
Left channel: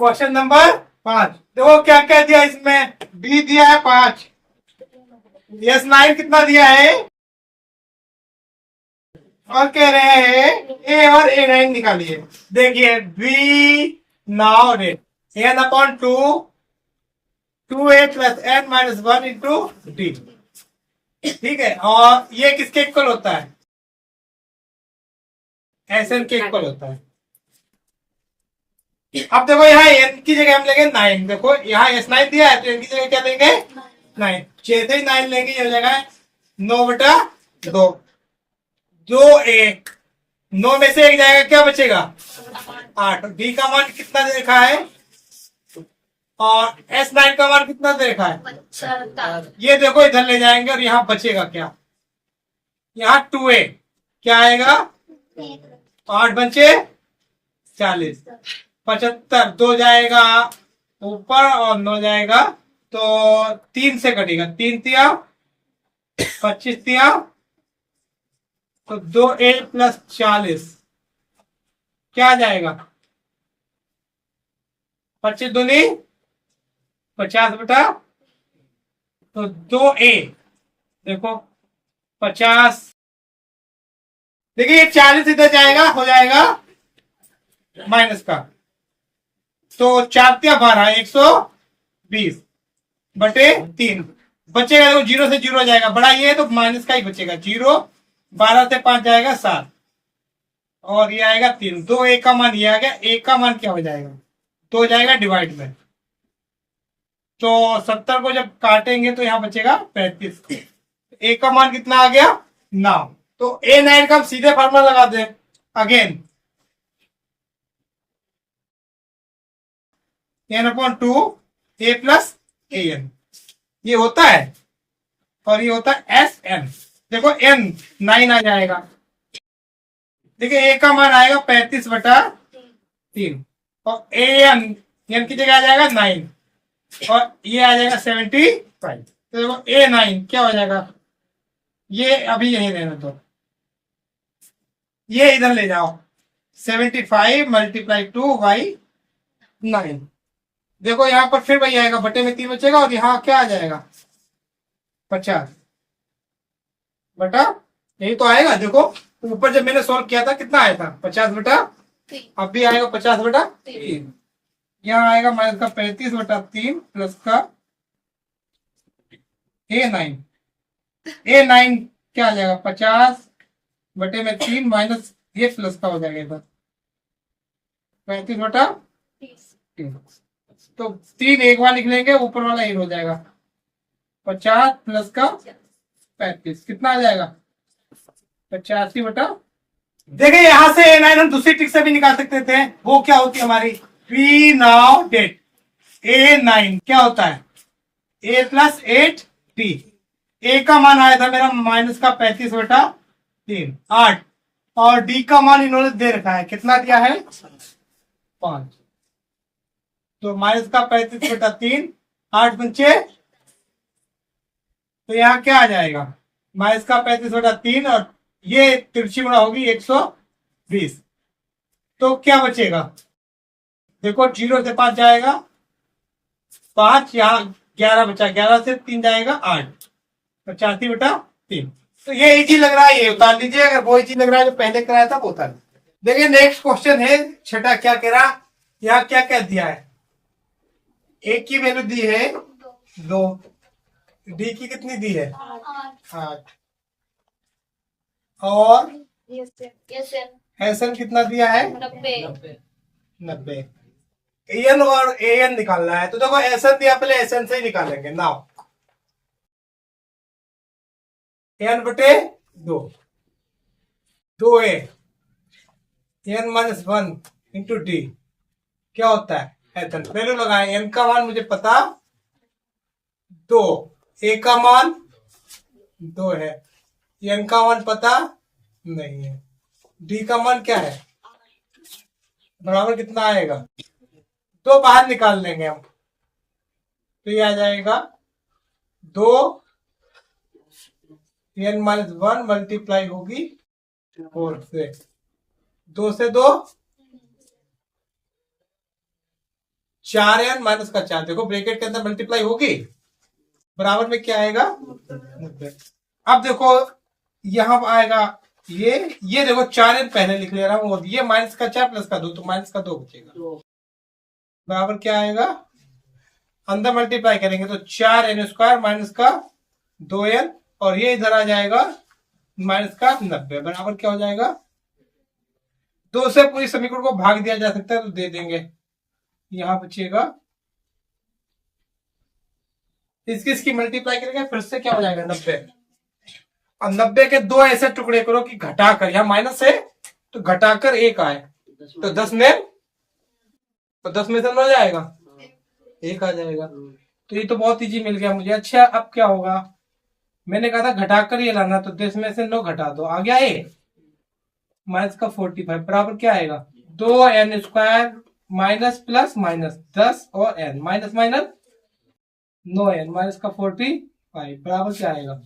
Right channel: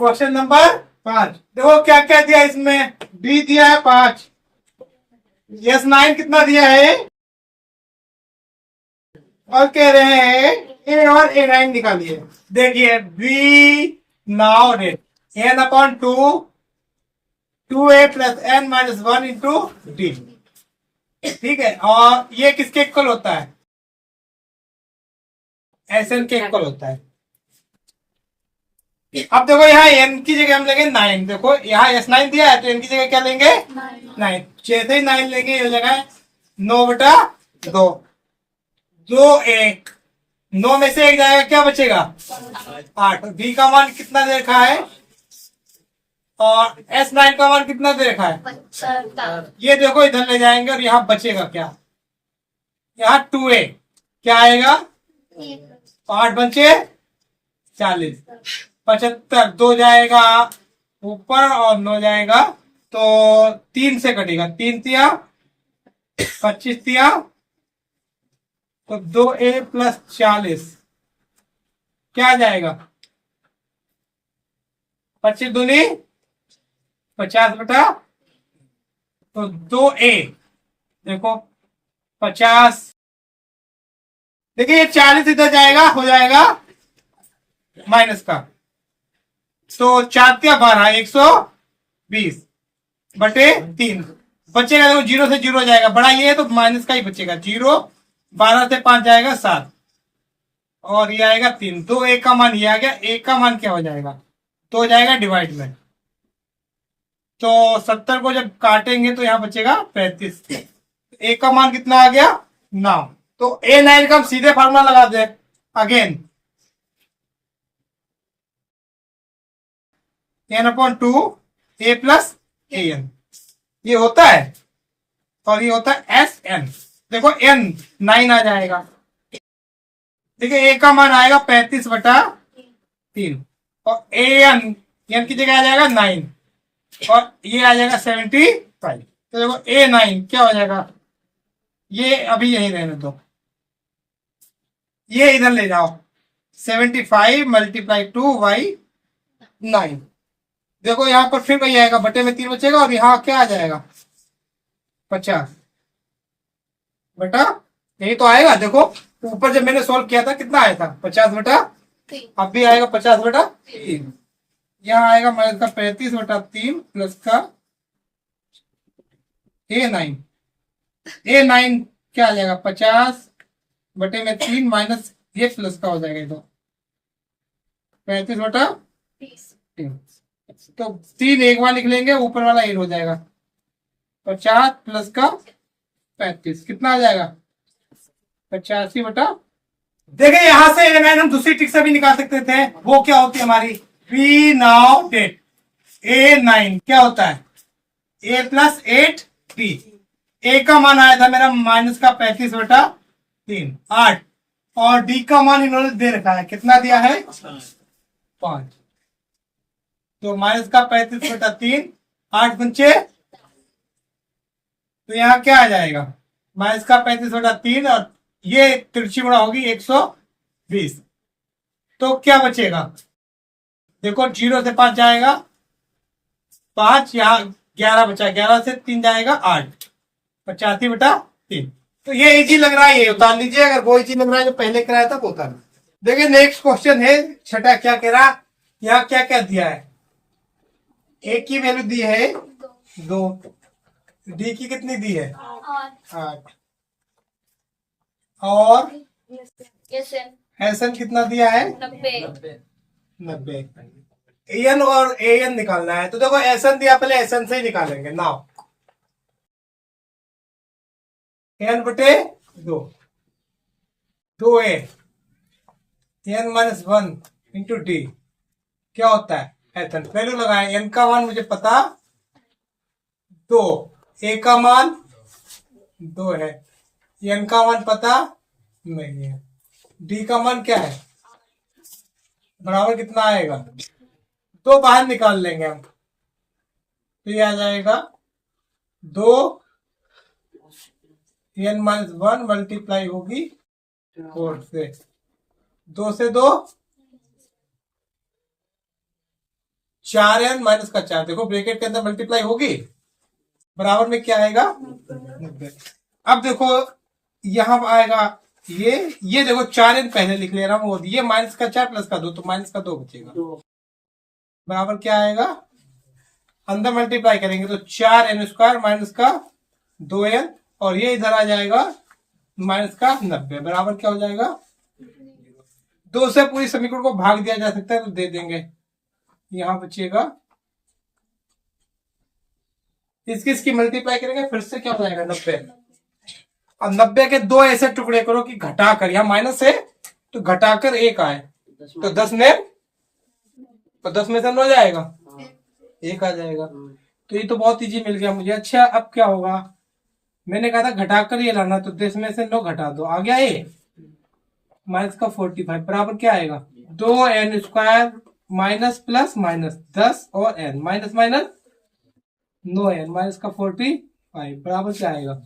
Question number 5। देखो क्या क्या दिया इसमें, डी दिया है 5, यस 9 कितना दिया है, और कह रहे हैं ए और A9 निकालिए। देखिए बी नाउ रेट N upon 2 2a plus n minus 1 into D. ठीक है, और ये किसके इक्वल होता है? Sn के इक्वल होता है। अब देखो यहाँ n की जगह हम लेंगे 9। देखो यहाँ S9 दिया है तो n की जगह क्या लेंगे? 9। जैसे ही 9 लेंगे ये हो जाएगा 9/2, 2a, 9 में से 1 जाएगा, क्या बचेगा? 8। बी का मान कितना दे रखा है और S9 का मान कितना दे रखा है? ये देखो इधर ले जाएंगे और यहाँ बचेगा क्या? यहाँ 2a, क्या आएगा? 8 बचे 40, 75, 2 जाएगा ऊपर और 9 जाएगा, तो 3 से कटेगा, 3 तिया 25 तिया, तो 2a प्लस 40 क्या आ जाएगा? 25 दूनी 50 तो 2a, देखो 50, देखिए ये 40 इधर जाएगा, हो जाएगा माइनस का, तो 4 तिया 12, 120 बटे 3 बचेगा। देखो 0 से 0 जाएगा, बड़ा ये है तो माइनस का ही बचेगा। 0, 12 से 5 जाएगा 7, और ये आएगा 3। 2 एक का मान ये आ गया, एक का मान क्या हो जाएगा? तो हो जाएगा डिवाइड में, तो 70 को जब काटेंगे तो यहाँ बचेगा 35। एक का मान कितना आ गया? 9। तो A9 का हम सीधे फार्मूला लगा they again, n/2 a plus an, ये होता है, और ये होता है Sn। देखो n 9 आ जाएगा, देखिए a का मान आएगा 35/3, और n की जगह आ जाएगा 9, और ये आ जाएगा 75। तो देखो A9 क्या हो जाएगा, ये अभी यही रहने दो, ये इधर ले जाओ, 75 मल्टीप्लाई 2/9। देखो यहाँ पर फिर वही आएगा, बटे में 3 बचेगा, और यहाँ क्या आ जाएगा? 50 बटा, यही तो आएगा। देखो ऊपर जब मैंने सोल्व किया था कितना आया था? 50/3। अब भी आएगा 50/3। यहाँ आएगा माइनस का 35/3 प्लस का A9। A9 क्या आ जाएगा? 50/3 माइनस ये प्लस का हो जाएगा इधर 35/3। तो 3 एक बार लिख लेंगे, ऊपर वाला 1 हो जाएगा, 50 प्लस का 35 कितना आ जाएगा? 85। देखिए यहां से A9 हम दूसरी ट्रिक से भी निकाल सकते थे, वो क्या होती है हमारी? P नाउ डेट A9 क्या होता है? A plus 8D। A का मान आया था मेरा माइनस का 35/3 8, और D का मान इन्होंने दे रखा है, कितना दिया है? 5। तो माइनस का 35/3 8 बचे, तो यहाँ क्या आ जाएगा? माइनस का 35/3, और ये तिरछी गुणा होगी 120, तो क्या बचेगा? देखो 0 से 5 जाएगा 5, यहाँ 11 बचा, 11 से 3 जाएगा 8, 85/3। तो ये इजी लग रहा है, ये उतार लीजिए। अगर वो इजी लग रहा है जो पहले कराया था वो उतार। देखिए नेक्स्ट क्वेश्चन है छठा, क्या कह रहा, यहाँ क्या क्या दिया है? ए की वैल्यू दी है 2, डी की कितनी दी है? 8, और एसन कितना दिया है? 90। एन और एन निकालना है, तो देखो एसन दिया, पहले एसन से ही निकालेंगे। नाउ n बटे 2, 2a n minus 1 into D क्या होता है एथन। वैल्यू लगाए, n का मान मुझे पता 2, a का मान 2 है, n का मान पता नहीं है, d का मान क्या है बराबर कितना आएगा, तो बाहर निकाल लेंगे हम, तो ये आ जाएगा 2 n माइनस 1 मल्टीप्लाई होगी 4 से, 2 से 2 4n माइनस का 4, देखो ब्रैकेट के अंदर मल्टीप्लाई होगी, बराबर में क्या आएगा 90। अब देखो यहां आएगा ये देखो 4n पहले लिख ले रहा हूं, ये माइनस का 4 प्लस का 2, तो माइनस का 2 बचेगा, बराबर क्या आएगा, अंदर मल्टीप्लाई करेंगे तो 4n स्क्वायर माइनस का 2n, और ये इधर आ जाएगा माइनस का 90, बराबर क्या हो जाएगा 2 से पूरी समीकरण को भाग दिया जा सकता है, तो दे देंगे, यहां बचेगा, इसकी मल्टीप्लाई करेंगे फिर से क्या हो जाएगा 90, और 90 के 2 ऐसे टुकड़े करो कि घटाकर, यहां माइनस है तो घटाकर 1 आए, तो 10 में से हो जाएगा 1 आ जाएगा, तो ये तो बहुत इजी मिल गया मुझे। अच्छा अब क्या होगा, मैंने कहा था घटाकर ये लाना, तो 10 में से 9 घटा दो, आ गया ये माइनस का 45, बराबर क्या आएगा 2n square minus plus minus 10 और n minus minus 9n minus का 45, बराबर क्या आएगा,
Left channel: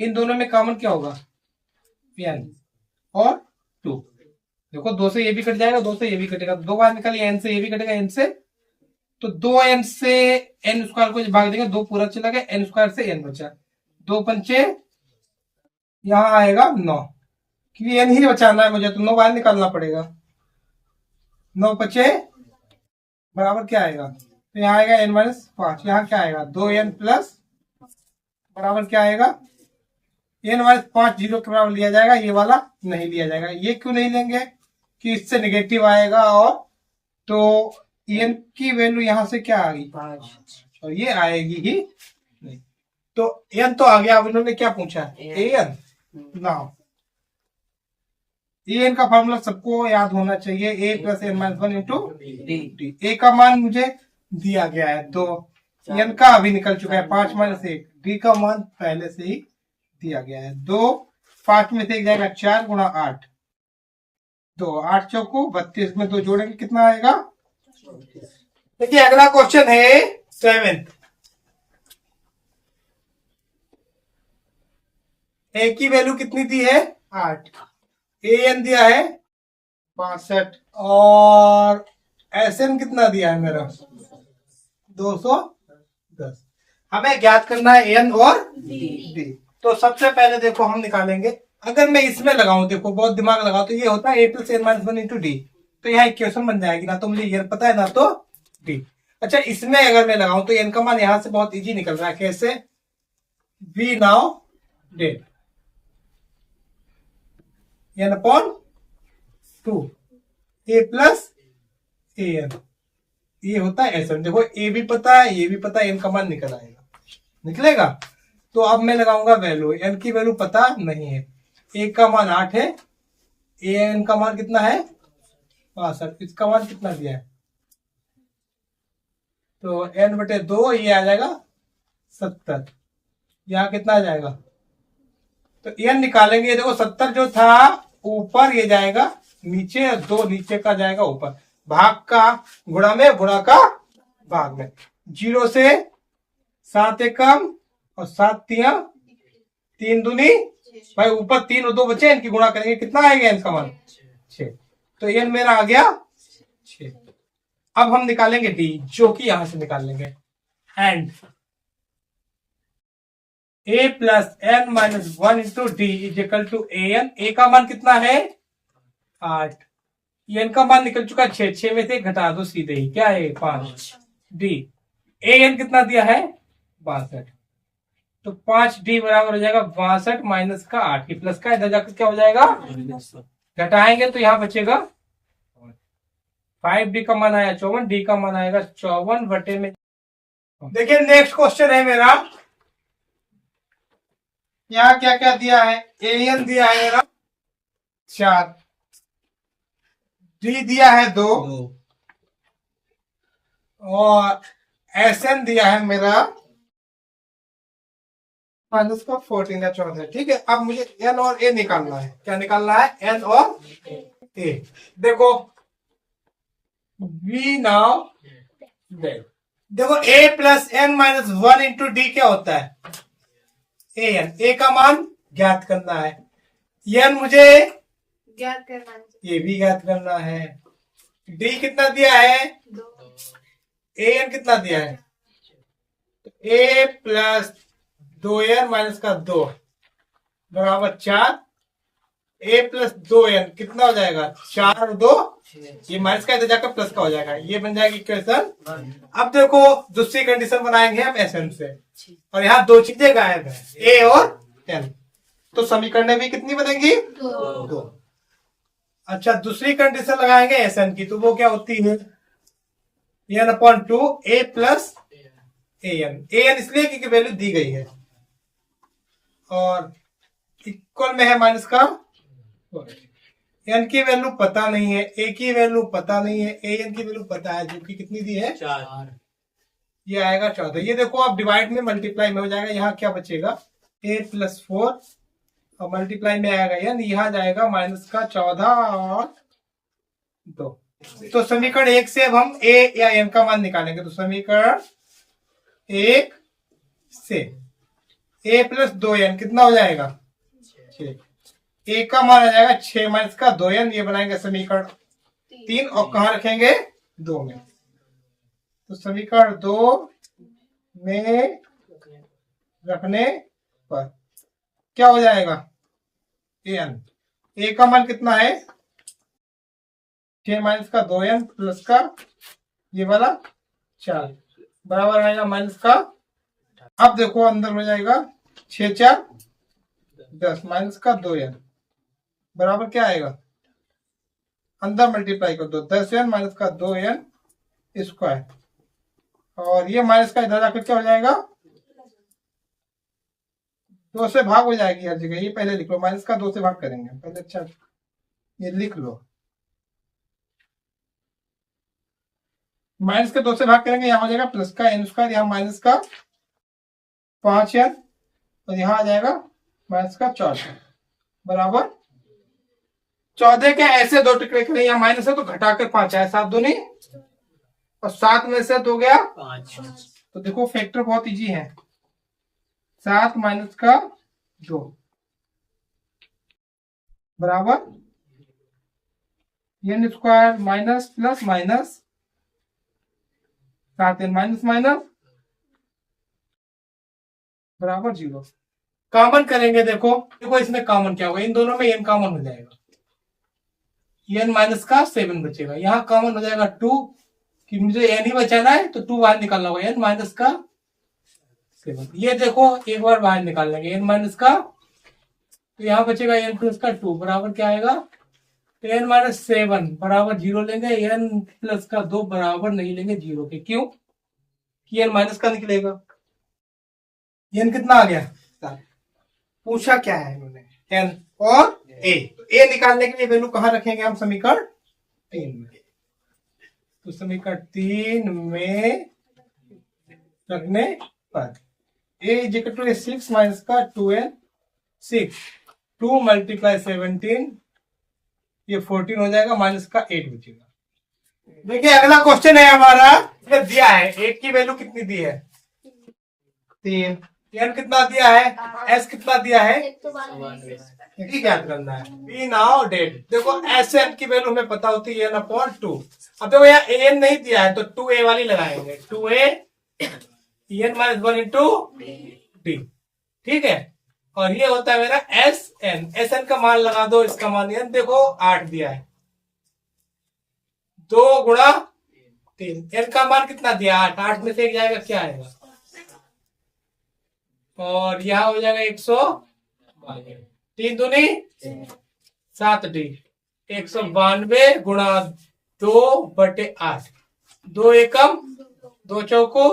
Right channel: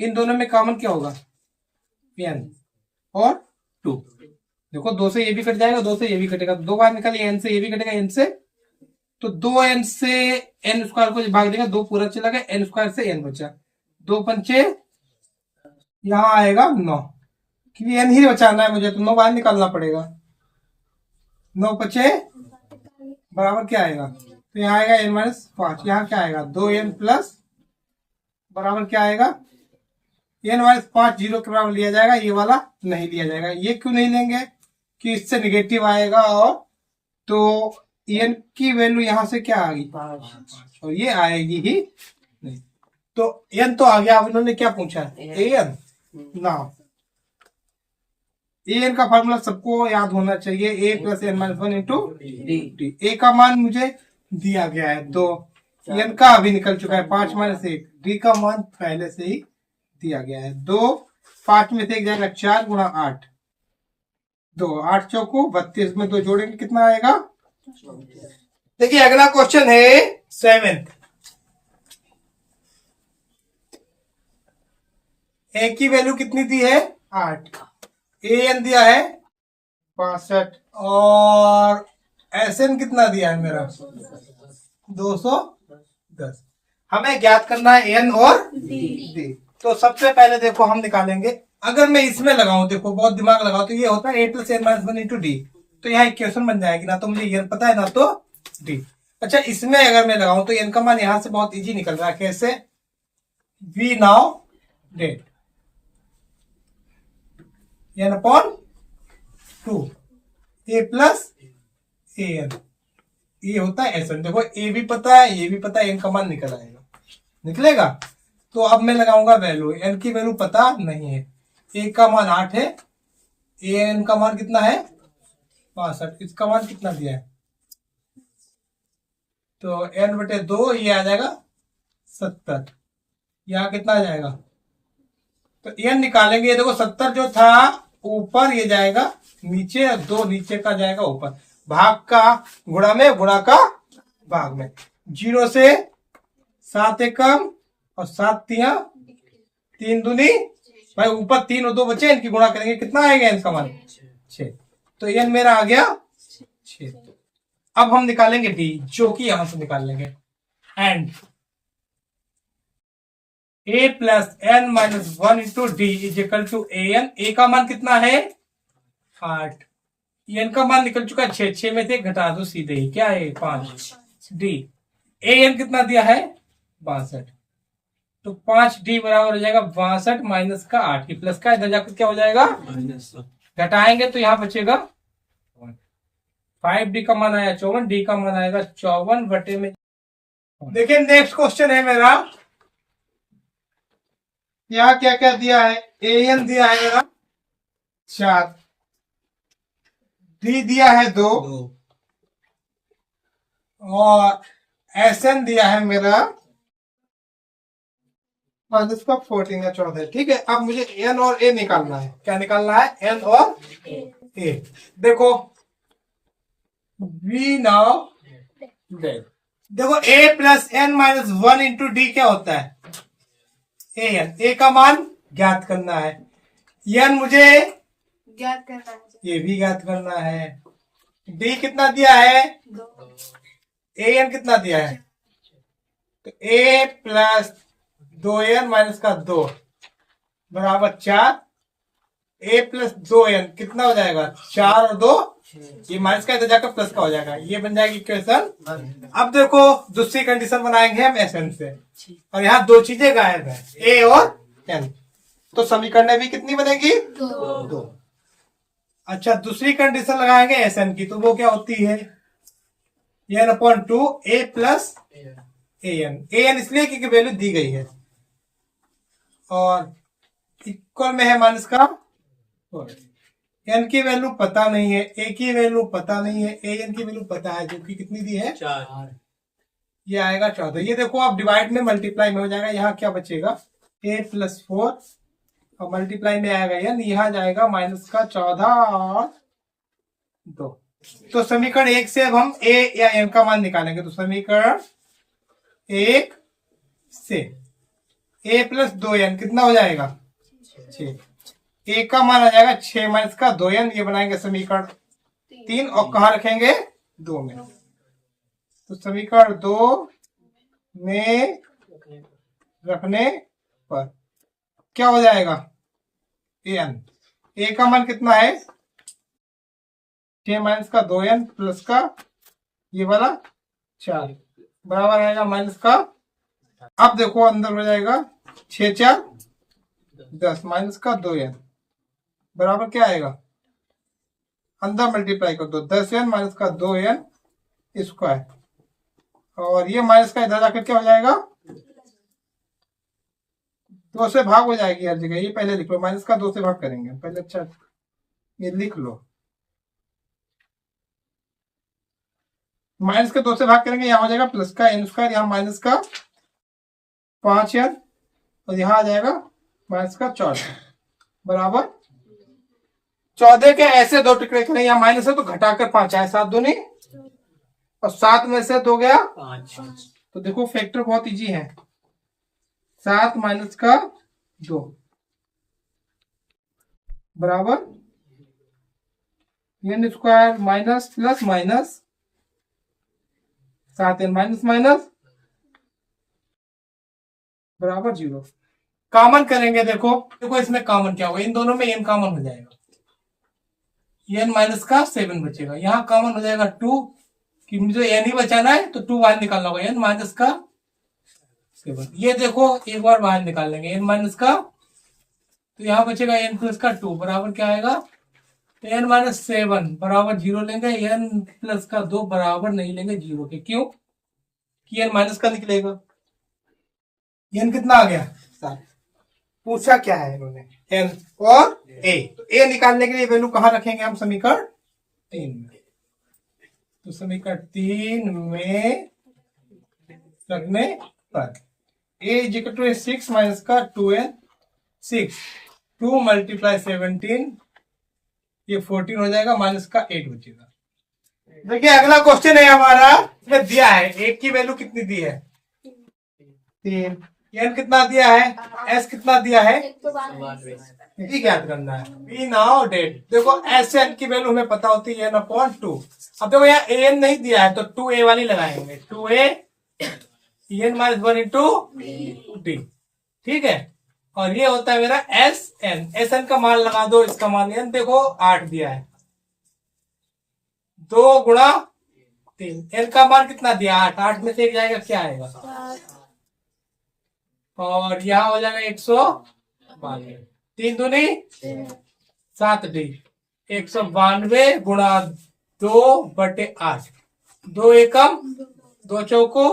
इन दोनों में कॉमन क्या होगा n और 2, देखो 2 से ये भी कट जाएगा, 2 से ये भी कटेगा, 2 बार निकलिए, n से ये भी कटेगा n से, तो 2n से n स्क्वायर को भाग देंगे, 2 पूरा चला गया, n स्क्वायर से n बचा, 2 पंचे यहां आएगा 9, क्योंकि n ही बचाना है मुझे, तो 9 बाहर निकालना पड़ेगा, 9 बचे बराबर क्या आएगा, तो यहाँ आएगा n माइनस 5, यहाँ क्या आएगा 2n प्लस बराबर क्या आएगा n माइनस 5 0 के बराबर लिया जाएगा, ये वाला नहीं लिया जाएगा, ये क्यों नहीं लेंगे कि इससे निगेटिव आएगा, और तो n की वैल्यू यहां से क्या आ गई 5, और ये आएगी ही नहीं, तो n तो आ गया। अब इन्होंने क्या पूछा an ना, an का फॉर्मूला सबको याद होना चाहिए, a plus n minus 1 into D, a का मान मुझे दिया गया है 2, n का अभी निकल चुका है 5 माइनस 1, d का मान पहले से ही दिया गया है 2, 5 में से 1 जाएगा 4 गुणा 8, 2 8 चौको 32 में 2 जोड़ेंगे कितना आएगा। देखिए अगला क्वेश्चन है 7th, ए की वैल्यू कितनी दी है 8, an दिया है 65, और sn कितना दिया है मेरा 210, हमें ज्ञात करना है n और d। तो सबसे पहले देखो हम निकालेंगे, अगर मैं इसमें लगाऊं, देखो बहुत दिमाग लगाओ, तो ये होता है a plus n minus 1 into D, तो यहाँ इक्वेशन बन जाएगी, ना तो मुझे ये पता है ना तो d। अच्छा इसमें अगर मैं लगाऊं तो n का मान यहां से बहुत इजी निकल रहा है, कैसे, v नाउ डेट n upon 2 a plus an, ये होता है एस, देखो ए भी पता है ये भी पता है, n का मान निकल आएगा, निकलेगा। तो अब मैं लगाऊंगा वैल्यू, n की वैल्यू पता नहीं है, a का मान 8 है, an का मान कितना है 65, इसका मान कितना दिया है, तो n बटे 2 ये आ जाएगा 70, यहाँ कितना आ जाएगा, तो n निकालेंगे, देखो 70 जो था ऊपर ये जाएगा नीचे, और 2 नीचे का जाएगा ऊपर, भाग का गुणा में, गुणा का भाग में, 0 से 7 एक कम और 7 तिया 3 दूनी भाई, ऊपर 3 और 2 बचे, इनकी गुणा करेंगे कितना आएगा इनका मान 6, तो n मेरा आ गया 6। अब हम निकालेंगे d, जो कि यहां से निकाल लेंगे, and a plus n minus 1 into D is equal to an, a का मान कितना है 8, n का मान निकल चुका 6, 6 में से घटा दो सीधे ही, क्या है 5, डी an कितना दिया है 62, तो 5d बराबर हो जाएगा 62 माइनस का 8, ये प्लस का इधर जाकर क्या हो जाएगा घटाएंगे, तो यहाँ बचेगा 5d का मान आया 54, d का मान आएगा 54 बटे में। देखिए नेक्स्ट क्वेश्चन है मेरा यहाँ क्या क्या दिया है, an दिया है मेरा 4, d दिया है 2 और sn दिया है मेरा माइनस का 14 या 14। ठीक है, अब मुझे n और a निकालना है। क्या निकालना है, n और a। देखो v नाउ देखो a plus N minus 1 into D क्या होता है, a का मान ज्ञात करना है, n मुझे ज्ञात करना है, ये भी ज्ञात करना है। डी कितना दिया है, an कितना दिया है, तो a प्लस 2n माइनस का 2 बराबर 4, a प्लस 2n कितना हो जाएगा, 4 और 2 ये माइनस का इधर जाकर प्लस का हो जाएगा, ये बन जाएगी इक्वेशन। अब देखो दूसरी कंडीशन बनाएंगे हम एसएन से, और यहाँ दो चीजें गायब है, ए और एन, तो समीकरण भी कितनी बनेगी, 2। अच्छा, दूसरी कंडीशन लगाएंगे एसएन की, तो वो क्या होती है, N upon 2 A plus N. N इसलिए क्योंकि वैल्यू दी गई है और इक्वल में है माइनस का, एन की वैल्यू पता नहीं है, ए की वैल्यू पता नहीं है, ए एन की वैल्यू पता है जो कि कितनी दी है 4, ये आएगा 14। ये देखो अब डिवाइड में मल्टीप्लाई में हो जाएगा, यहाँ क्या बचेगा a प्लस 4 और मल्टीप्लाई में आएगा एन, यहाँ जाएगा माइनस का 14 और 2। तो समीकरण 1 से अब हम a या n का मान निकालेंगे, तो समीकरण 1 से a प्लस 2n कितना हो जाएगा 6, a का मान आ जाएगा 6 माइनस का 2n, ये बनाएंगे समीकरण 3 और कहाँ रखेंगे 2 में, तो समीकरण 2 में रखने पर क्या हो जाएगा, an a का मान कितना है 6 माइनस का 2n प्लस का ये वाला 4 बराबर आएगा माइनस का, अब देखो अंदर हो जाएगा 6 4 10 माइनस का 2n बराबर क्या आएगा, अंदर मल्टीप्लाई कर दो 10n माइनस का 2n स्क्वायर, और ये माइनस का इधर जाकर क्या हो जाएगा 2 से भाग हो जाएगी हर जगह, ये पहले लिख लो, माइनस का 2 से भाग करेंगे पहले, अच्छा ये लिख लो, माइनस के 2 से भाग करेंगे, यहाँ हो जाएगा प्लस का n स्क्वायर, यहाँ माइनस का 5n और यहाँ आ जाएगा माइनस का 14 बराबर 14 के ऐसे दो टुकड़े करें, यहाँ माइनस है तो घटाकर 5 आए, 7 दूनी और 7 में से 2 गया 5, तो देखो फैक्टर बहुत इजी है, 7 माइनस का 2 बराबर n square minus plus minus 7n minus minus बराबर 0। कॉमन करेंगे, देखो देखो इसमें कॉमन क्या होगा, इन दोनों में n कॉमन हो जाएगा, n माइनस का 7 बचेगा, यहाँ कॉमन हो जाएगा 2, कि मुझे n ही बचाना है तो 2 बाहर निकालना होगा, n माइनस का 7। ये देखो एक बार बाहर निकाल लेंगे n माइनस का, तो यहाँ बचेगा n प्लस का 2 बराबर क्या आएगा, n माइनस 7 बराबर 0 लेंगे, n प्लस का 2 बराबर नहीं लेंगे 0 के, क्यों कि n माइनस का निकलेगा, n कितना आ गया 7, पूछा क्या है इन्होंने n और a, तो a निकालने के लिए वैल्यू कहाँ रखेंगे हम, समीकरण 3 में, तो समीकरण 3 में रखने पर a is equal to 6 minus का 2n, 6 2 मल्टीप्लाई 17 ये 14 हो जाएगा, माइनस का 8 बचेगा। देखिए अगला क्वेश्चन है हमारा, इसमें दिया है एक की वैल्यू कितनी दी है 3, n कितना दिया है, s कितना दिया है, ठीक याद करना है, बी नाउ डेट। देखो s से n की वैल्यू हमें पता होती है n अपॉन 2, अब देखो यहाँ an नहीं दिया है तो 2a वाली लगाएंगे, 2a n minus 1 into D, ठीक है, और ये होता है मेरा sn का मान लगा दो, इसका मान n देखो 8 दिया है, 2 गुणा 3, n का मान कितना दिया 8, 8 में से एक जाएगा क्या आएगा, और यहाँ हो जाएगा 192, 3 दूनी 7d, 192 गुणा 2/8, 2 एकम 2 चौको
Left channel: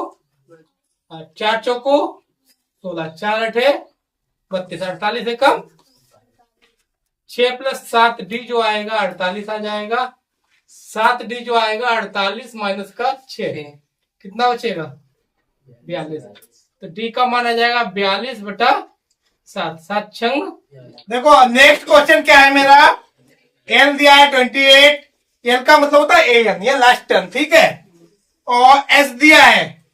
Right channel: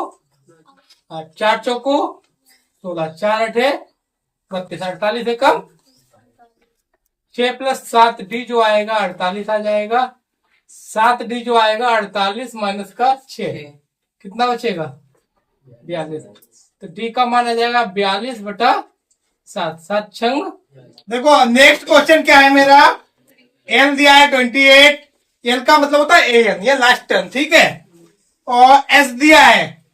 4 चौको 16, 4 8 32, 48 से कम 6 + 7d जो आएगा 48 आ जाएगा। 7d जो आएगा 48 माइनस का 6 कितना बचेगा 42। तो d का मान आ जाएगा 42/7। 7 छंग। देखो नेक्स्ट क्वेश्चन क्या है मेरा, n दिया है 28, l का मतलब होता है an, ये लास्ट टर्म, ठीक है। और s दिया है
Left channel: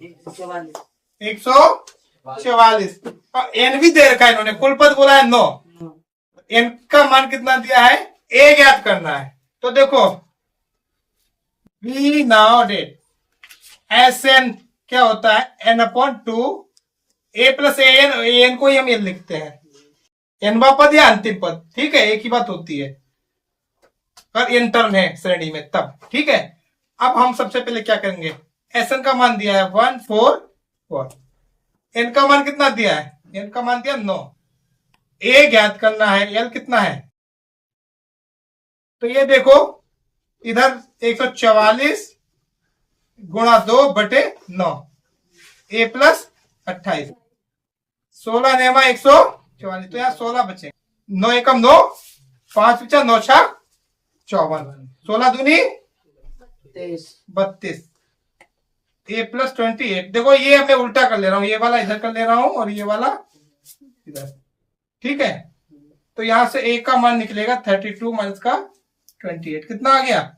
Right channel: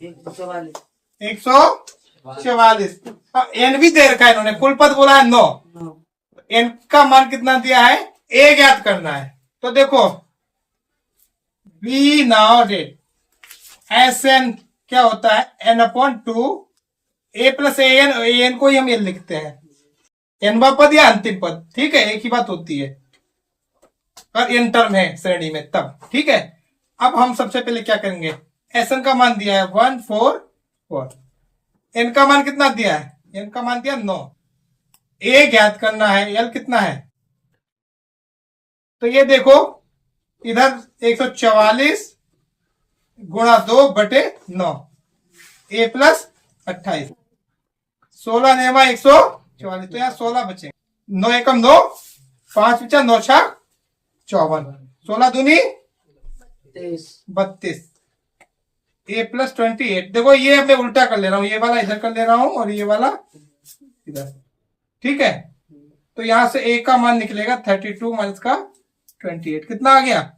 144 और n भी दे रखा है इन्होंने, कुल पद बोला है 9। n का मान कितना दिया है, a ज्ञात करना है। तो देखो v नाउ डेट Sn क्या होता है n/2 a + an को ही हम ये लिखते हैं nवा पद या अंतिम पद, ठीक है, एक ही बात होती है पर n टर्म है श्रेणी में तब, ठीक है। अब हम सबसे पहले क्या करेंगे, Sn का मान दिया है 144, n का मान कितना दिया है, n का मान दिया 9, a ज्ञात करना है, l कितना है। तो ये देखो इधर 144 गुणा 2/9 a + 28, 16 नेवा 144, तो यहाँ 16 बचे। 9 एकम 9, 5 × 9 = 54, 16 दूनी 32, a + 28। देखो ये मैं उल्टा कर ले रहा हूँ, ये वाला इधर कर ले रहा हूँ और ये वाला इधर, ठीक है। तो यहां से a का मान निकलेगा 32 माइनस का 28, कितना आ गया